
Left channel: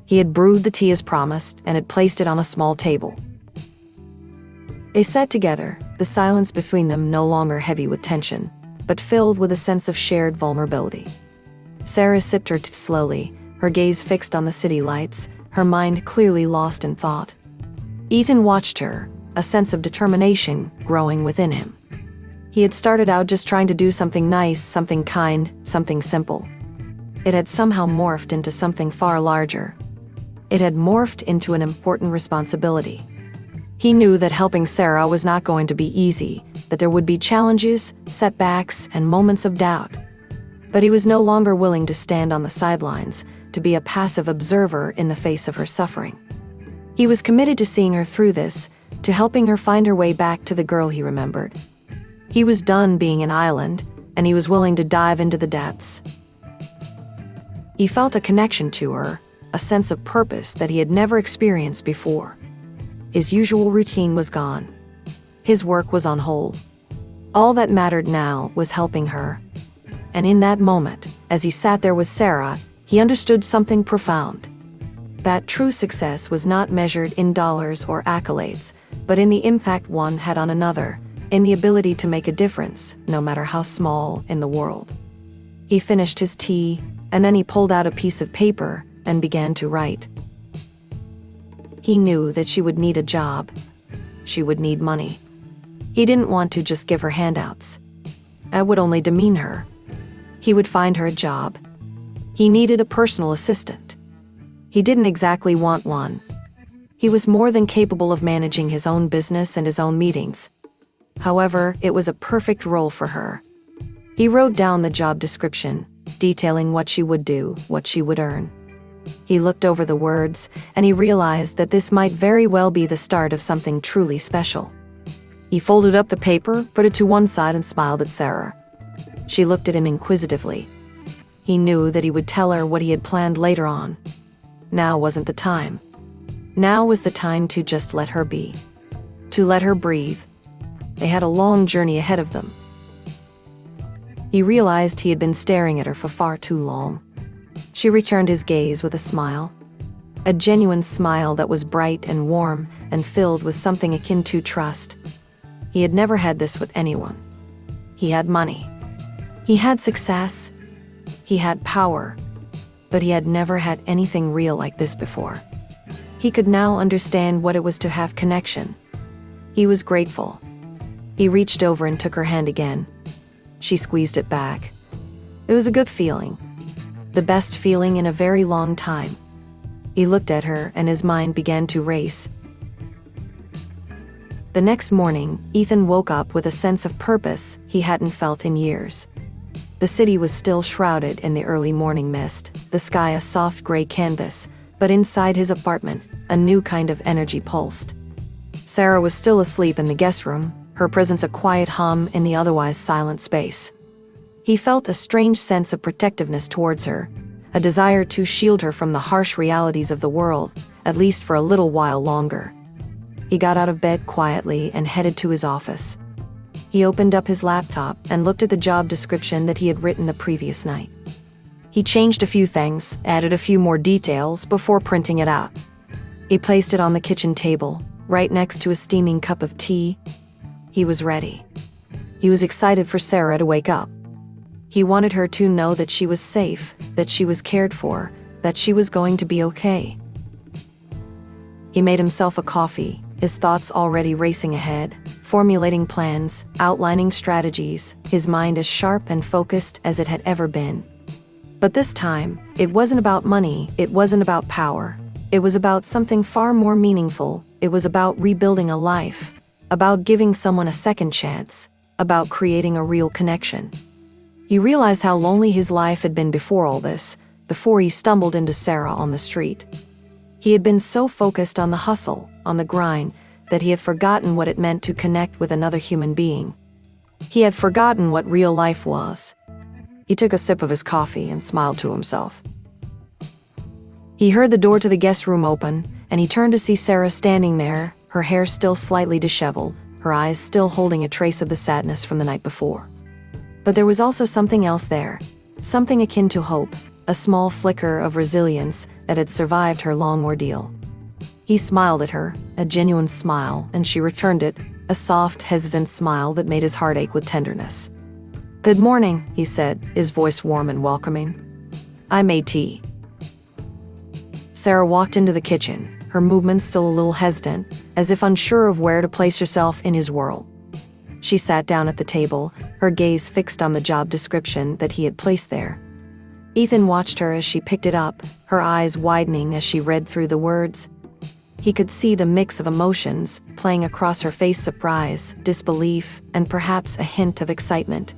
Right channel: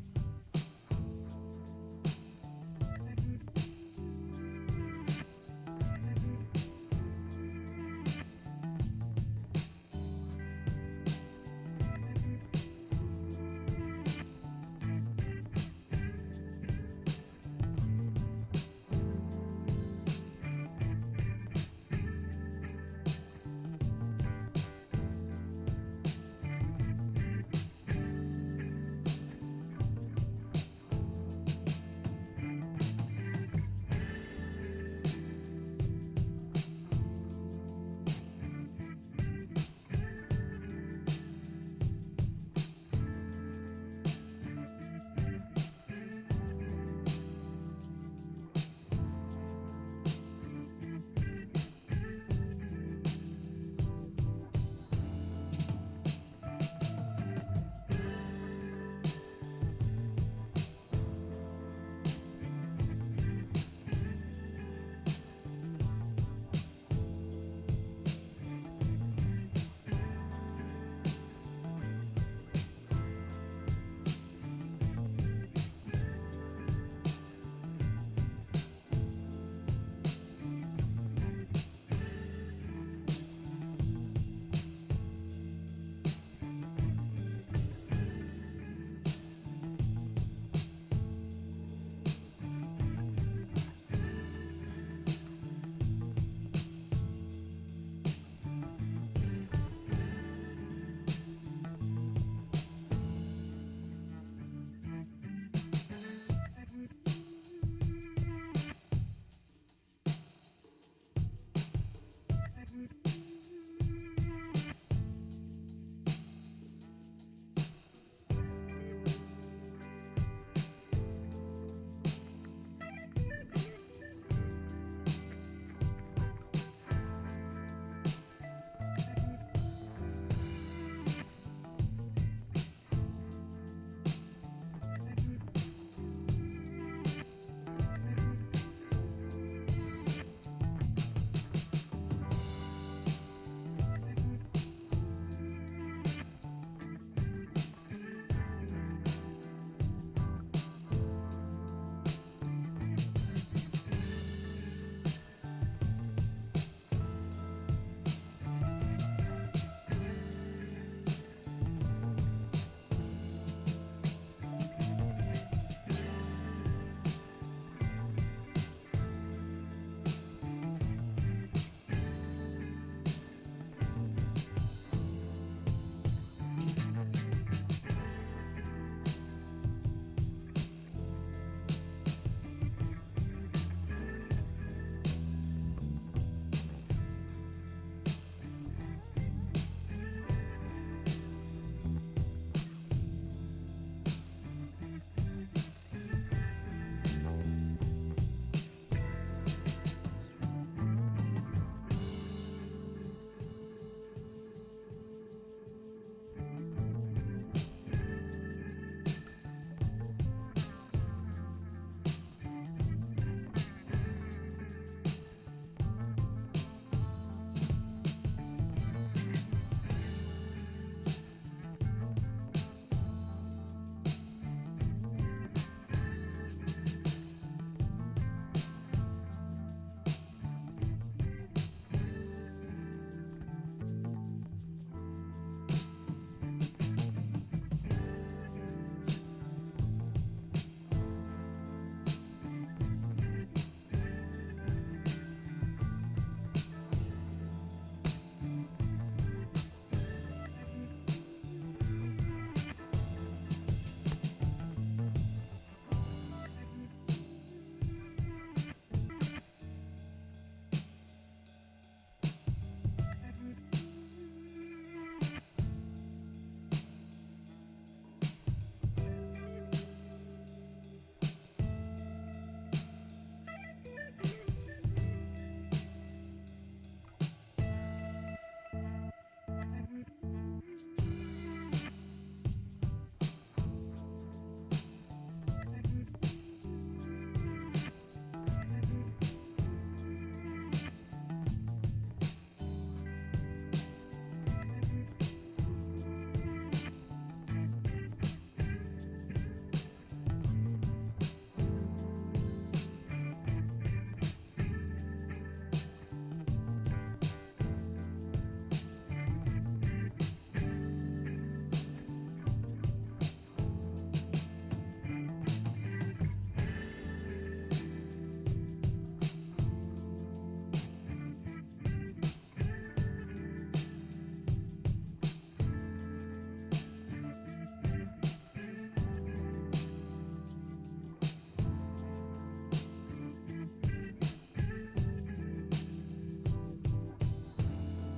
He had brewed the tea as promised and had placed it on a small table. They sat together, the silence between them no longer heavy with tension, but filled with a sense of shared vulnerability. Sarah sipped her tea slowly, her gaze fixed on the city lights, her mind clearly lost in thought. Ethan watched her, a sense of determination growing within him. He had started out just trying to do something nice, something kind, something simple. It had somehow morphed into something far larger. It had morphed into an important responsibility. He knew that helping Sarah was not going to be easy, that there would be challenges, setbacks, and moments of doubt. But he was no longer willing to stand on the sidelines, to be a passive observer in the face of her suffering. He was committed to seeing her through this, to helping her find her way back to the girl he remembered. He was done being an island, and he was willing to dive into the depths. He felt a connection to her, a sense of purpose that he had never experienced before. His usual routine was gone. His work was on hold. All that mattered now was helping her. And in that moment, as he sat there with Sarah, he understood something profound. that true success was not measured in dollars or accolades, but in the impact one had on another, in the ability to make a difference, no matter how small, in the world. He finished his tea, and then he pulled out a piece of paper and began to write. He knew that she would need a job. She would need money. He didn't want to just give her handouts. That would only demean her. He would find her a job. He needed a personal assistant. He didn't exactly want one. He was more than capable of managing his own business and his own meetings. However, it was a perfect role for her. He wrote down the job description, detailing what she would do, what she would earn. He looked over the words, and he realized that this might very well be the start of something truly special. He folded up the paper, put it to one side, and smiled at Sarah. She looked at him inquisitively. He knew that he would tell her what he had planned later on. Now wasn't the time. Now was the time to just let her be. To let her breathe. They had a long journey ahead of them. He realized he had been staring at her for far too long. She returned his gaze with a smile. A genuine smile that was bright and warm and filled with something akin to trust. He had never had this with anyone. He had money. He had success. He had power. But he had never had anything real like this before. He could now understand what it was to have connection. He was grateful. He reached over and took her hand again. She squeezed it back. It was a good feeling. The best feeling in a very long time. He looked at her and his mind began to race. The next morning, Ethan woke up with a sense of purpose he hadn't felt in years. The city was still shrouded in the early morning mist, the sky a soft gray canvas, but inside his apartment, a new kind of energy pulsed. Sarah was still asleep in the guest room, her presence a quiet hum in the otherwise silent space. He felt a strange sense of protectiveness towards her, a desire to shield her from the harsh realities of the world, at least for a little while longer. He got out of bed quietly and headed to his office. He opened up his laptop and looked at the job description that he had written the previous night. He changed a few things, added a few more details before printing it out. He placed it on the kitchen table, right next to a steaming cup of tea. He was ready. He was excited for Sarah to wake up. He wanted her to know that she was safe, that she was cared for, that she was going to be okay. He made himself a coffee, his thoughts already racing ahead, formulating plans, outlining strategies, his mind as sharp and focused as it had ever been. But this time, it wasn't about money, it wasn't about power. It was about something far more meaningful. It was about rebuilding a life, about giving someone a second chance, about creating a real connection. He realized how lonely his life had been before all this, before he stumbled into Sarah on the street. He had been so focused on the hustle, on the grind, that he had forgotten what it meant to connect with another human being. He had forgotten what real life was. He took a sip of his coffee and smiled to himself. He heard the door to the guest room open, and he turned to see Sarah standing there, her hair still slightly disheveled, her eyes still holding a trace of the sadness from the night before. But there was also something else there, something akin to hope, a small flicker of resilience that had survived her long ordeal. He smiled at her, a genuine smile, and she returned it, a soft, hesitant smile that made his heart ache with tenderness. "Good morning," he said, his voice warm and welcoming. "I made tea." Sarah walked into the kitchen, her movements still a little hesitant, as if unsure of where to place herself in his world. She sat down at the table, her gaze fixed on the job description that he had placed there. Ethan watched her as she picked it up, her eyes widening as she read through the words. He could see the mix of emotions playing across her face: surprise, disbelief, and perhaps a hint of excitement.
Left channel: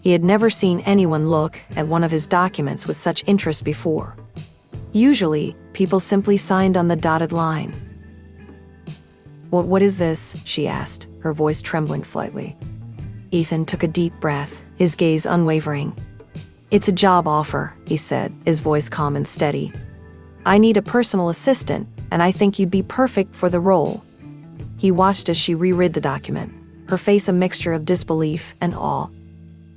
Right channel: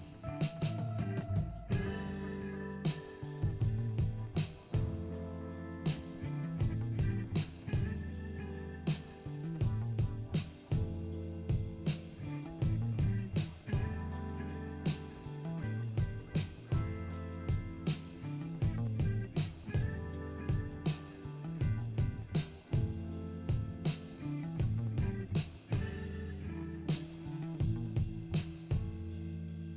He had never seen anyone look at one of his documents with such interest before. Usually, people simply signed on the dotted line. What is this?" she asked, her voice trembling slightly. Ethan took a deep breath, his gaze unwavering. "It's a job offer," he said, his voice calm and steady. "I need a personal assistant, and I think you'd be perfect for the role." He watched as she reread the document, her face a mixture of disbelief and awe.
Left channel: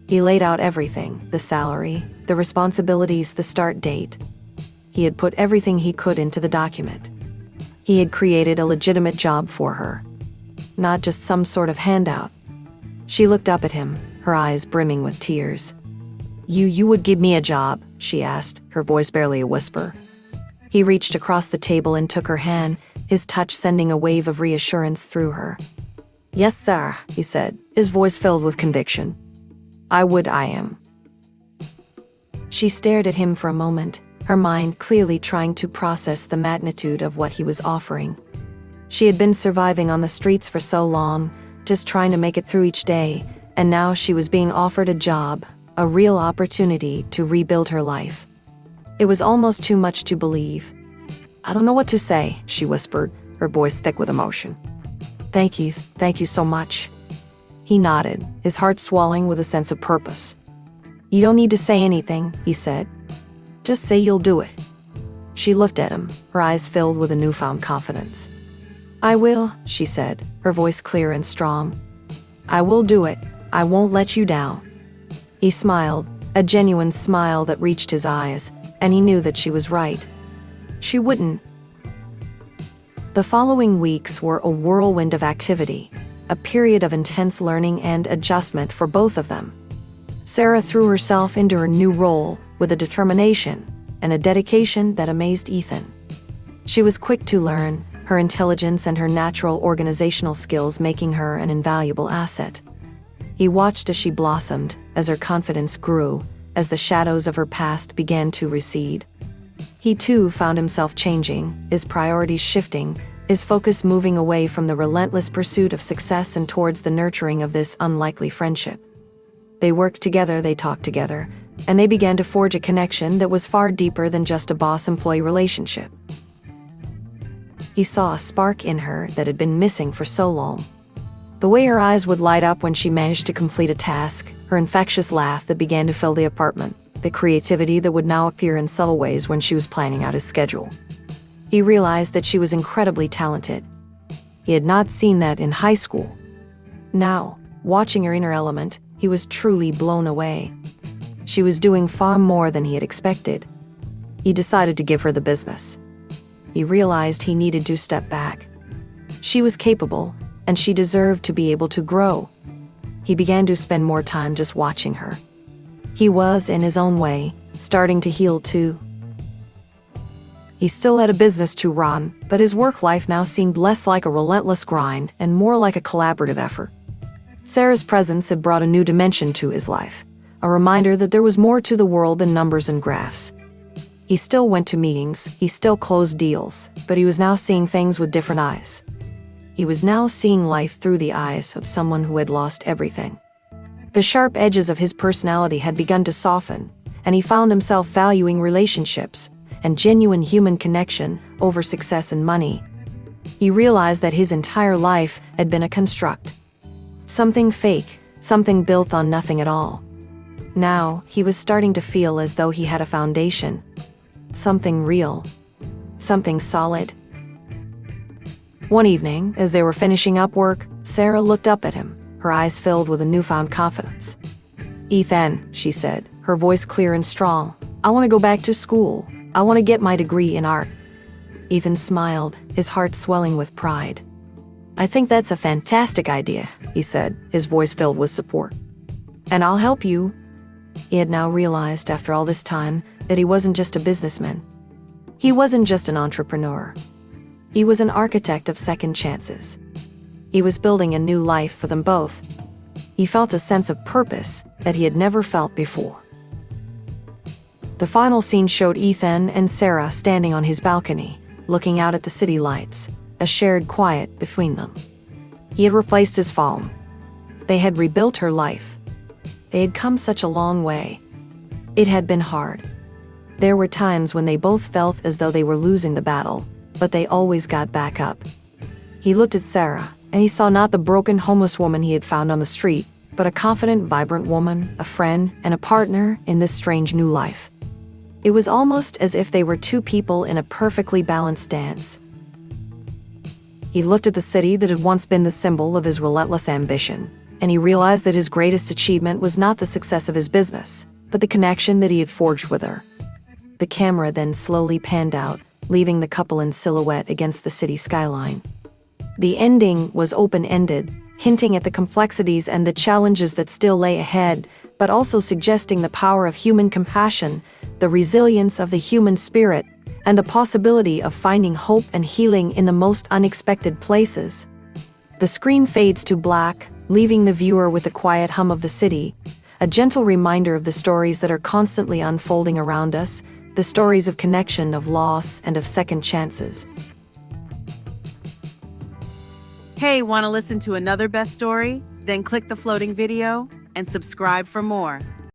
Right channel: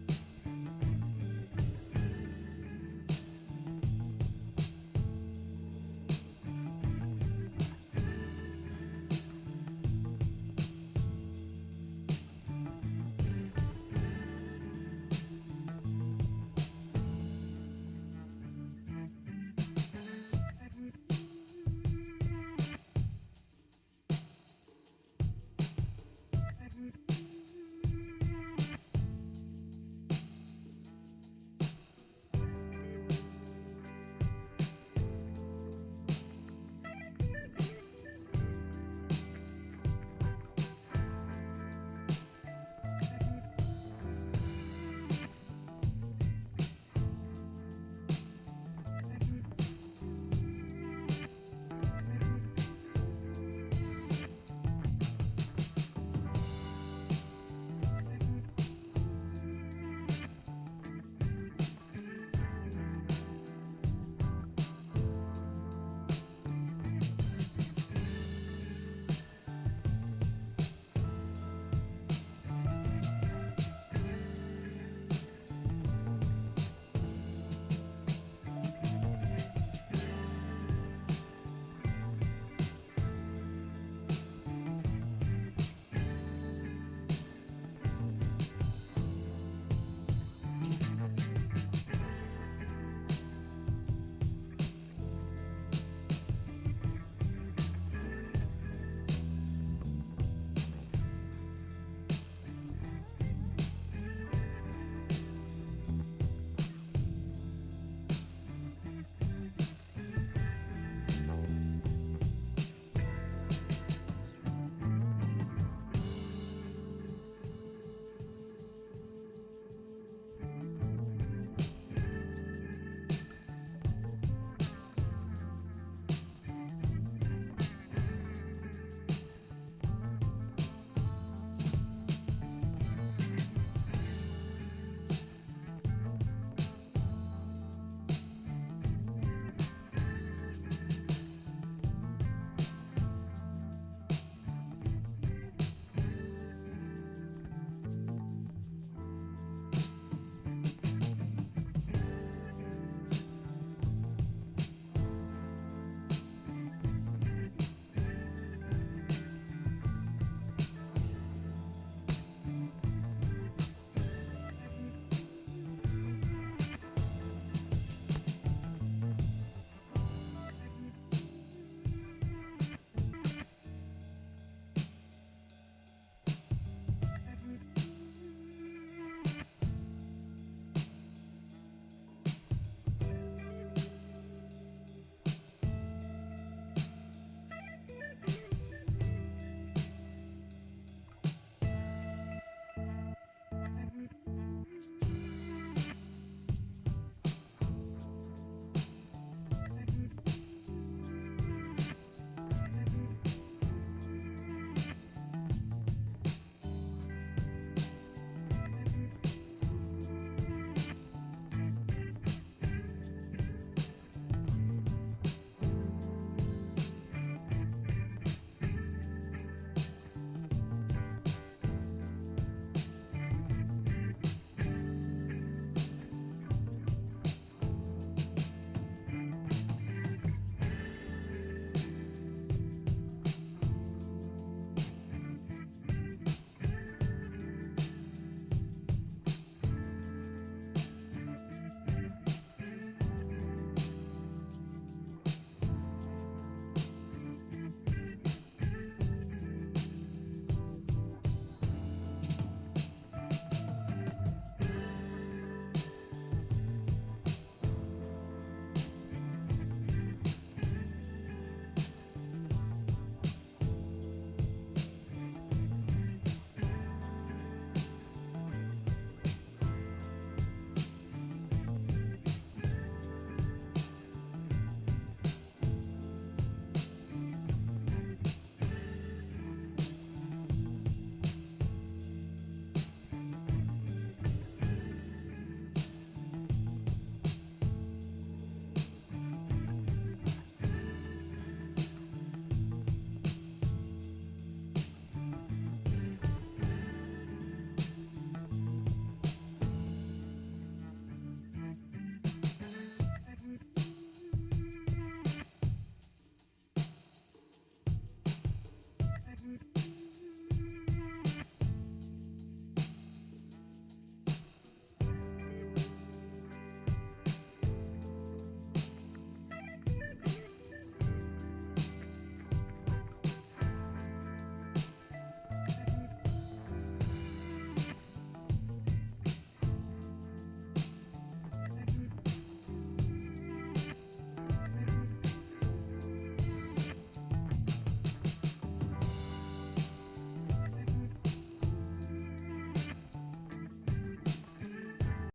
He laid out everything: the salary, the responsibilities, the start date. he had put everything he could into the document. He had created a legitimate job for her, not just some sort of handout. She looked up at him, her eyes brimming with tears. You would give me a job?" she asked, her voice barely a whisper. He reached across the table and took her hand, his touch sending a wave of reassurance through her. "Yes, sir," he said, his voice filled with conviction. I am." She stared at him for a moment, her mind clearly trying to process the magnitude of what he was offering. She had been surviving on the streets for so long, just trying to make it through each day, and now she was being offered a job, a real opportunity to rebuild her life. It was almost too much to believe. "I don't know what to say," she whispered, her voice thick with emotion. Thank you so much." He nodded, his heart swelling with a sense of purpose. "You don't need to say anything," he said. "Just say you'll do it." She looked at him, her eyes filled with a newfound confidence. "I will," she said, her voice clear and strong. "I will do it. I won't let you down." He smiled, a genuine smile that reached his eyes, and he knew that she was right. She wouldn't. The following weeks were a whirlwind of activity, a period of intense learning and adjustment for both of them. Sarah threw herself into her new role with a determination and a dedication that amazed Ethan. She was quick to learn, her intelligence and her natural organizational skills making her an invaluable asset. He watched as she blossomed, as her confidence grew, as the shadows of her past began to recede. He too found himself changing, his priorities shifting, his focus moving away from the relentless pursuit of success and towards the nurturing of this unlikely friendship. They worked together, they talked together, and they began to forge a connection that was far deeper than just a boss-employee relationship. He saw a spark in her that had been missing for so long. The way her eyes would light up when she managed to complete a task, her infectious laugh that began to fill the apartment, the creativity that would now appear in subtle ways when she was planning out his schedule. He realized that she was incredibly talented. He had not seen that in high school. Now, watching her inner element, he was truly blown away. She was doing far more than he had expected. He decided to give her the business. He realized he needed to step back. She was capable, and she deserved to be able to grow. He began to spend more time just watching her. He was, in his own way, starting to heal too. He still had a business to run, but his work life now seemed less like a relentless grind and more like a collaborative effort. Sarah's presence had brought a new dimension to his life, a reminder that there was more to the world than numbers and graphs. He still went to meetings, he still closed deals, but he was now seeing things with different eyes. He was now seeing life through the eyes of someone who had lost everything. The sharp edges of his personality had begun to soften, and he found himself valuing relationships and genuine human connection over success and money. He realized that his entire life had been a construct. Something fake, something built on nothing at all. Now, he was starting to feel as though he had a foundation. Something real. Something solid. One evening, as they were finishing up work, Sarah looked up at him, her eyes filled with a newfound confidence. "Ethan," she said, her voice clear and strong, "I want to go back to school. I want to get my degree in art." Ethan smiled, his heart swelling with pride. "I think that's a fantastic idea," he said, his voice filled with support. "And I'll help you." He had now realized, after all this time, that he wasn't just a businessman. He wasn't just an entrepreneur. He was an architect of second chances. He was building a new life for them both. He felt a sense of purpose that he had never felt before. The final scene showed Ethan and Sarah standing on his balcony, looking out at the city lights, a shared quiet between them. He had replaced his phone. They had rebuilt her life. They had come such a long way. It had been hard. There were times when they both felt as though they were losing the battle, but they always got back up. He looked at Sarah, and he saw not the broken homeless woman he had found on the street, but a confident, vibrant woman, a friend, and a partner in this strange new life. It was almost as if they were two people in a perfectly balanced dance. He looked at the city that had once been the symbol of his relentless ambition, and he realized that his greatest achievement was not the success of his business, but the connection that he had forged with her. The camera then slowly panned out, leaving the couple in silhouette against the city skyline. The ending was open-ended, hinting at the complexities and the challenges that still lay ahead, but also suggesting the power of human compassion, the resilience of the human spirit, and the possibility of finding hope and healing in the most unexpected places. The screen fades to black, leaving the viewer with the quiet hum of the city, a gentle reminder of the stories that are constantly unfolding around us, the stories of connection, of loss, and of second chances. Hey, want to listen to another best story? Then click the floating video and subscribe for more.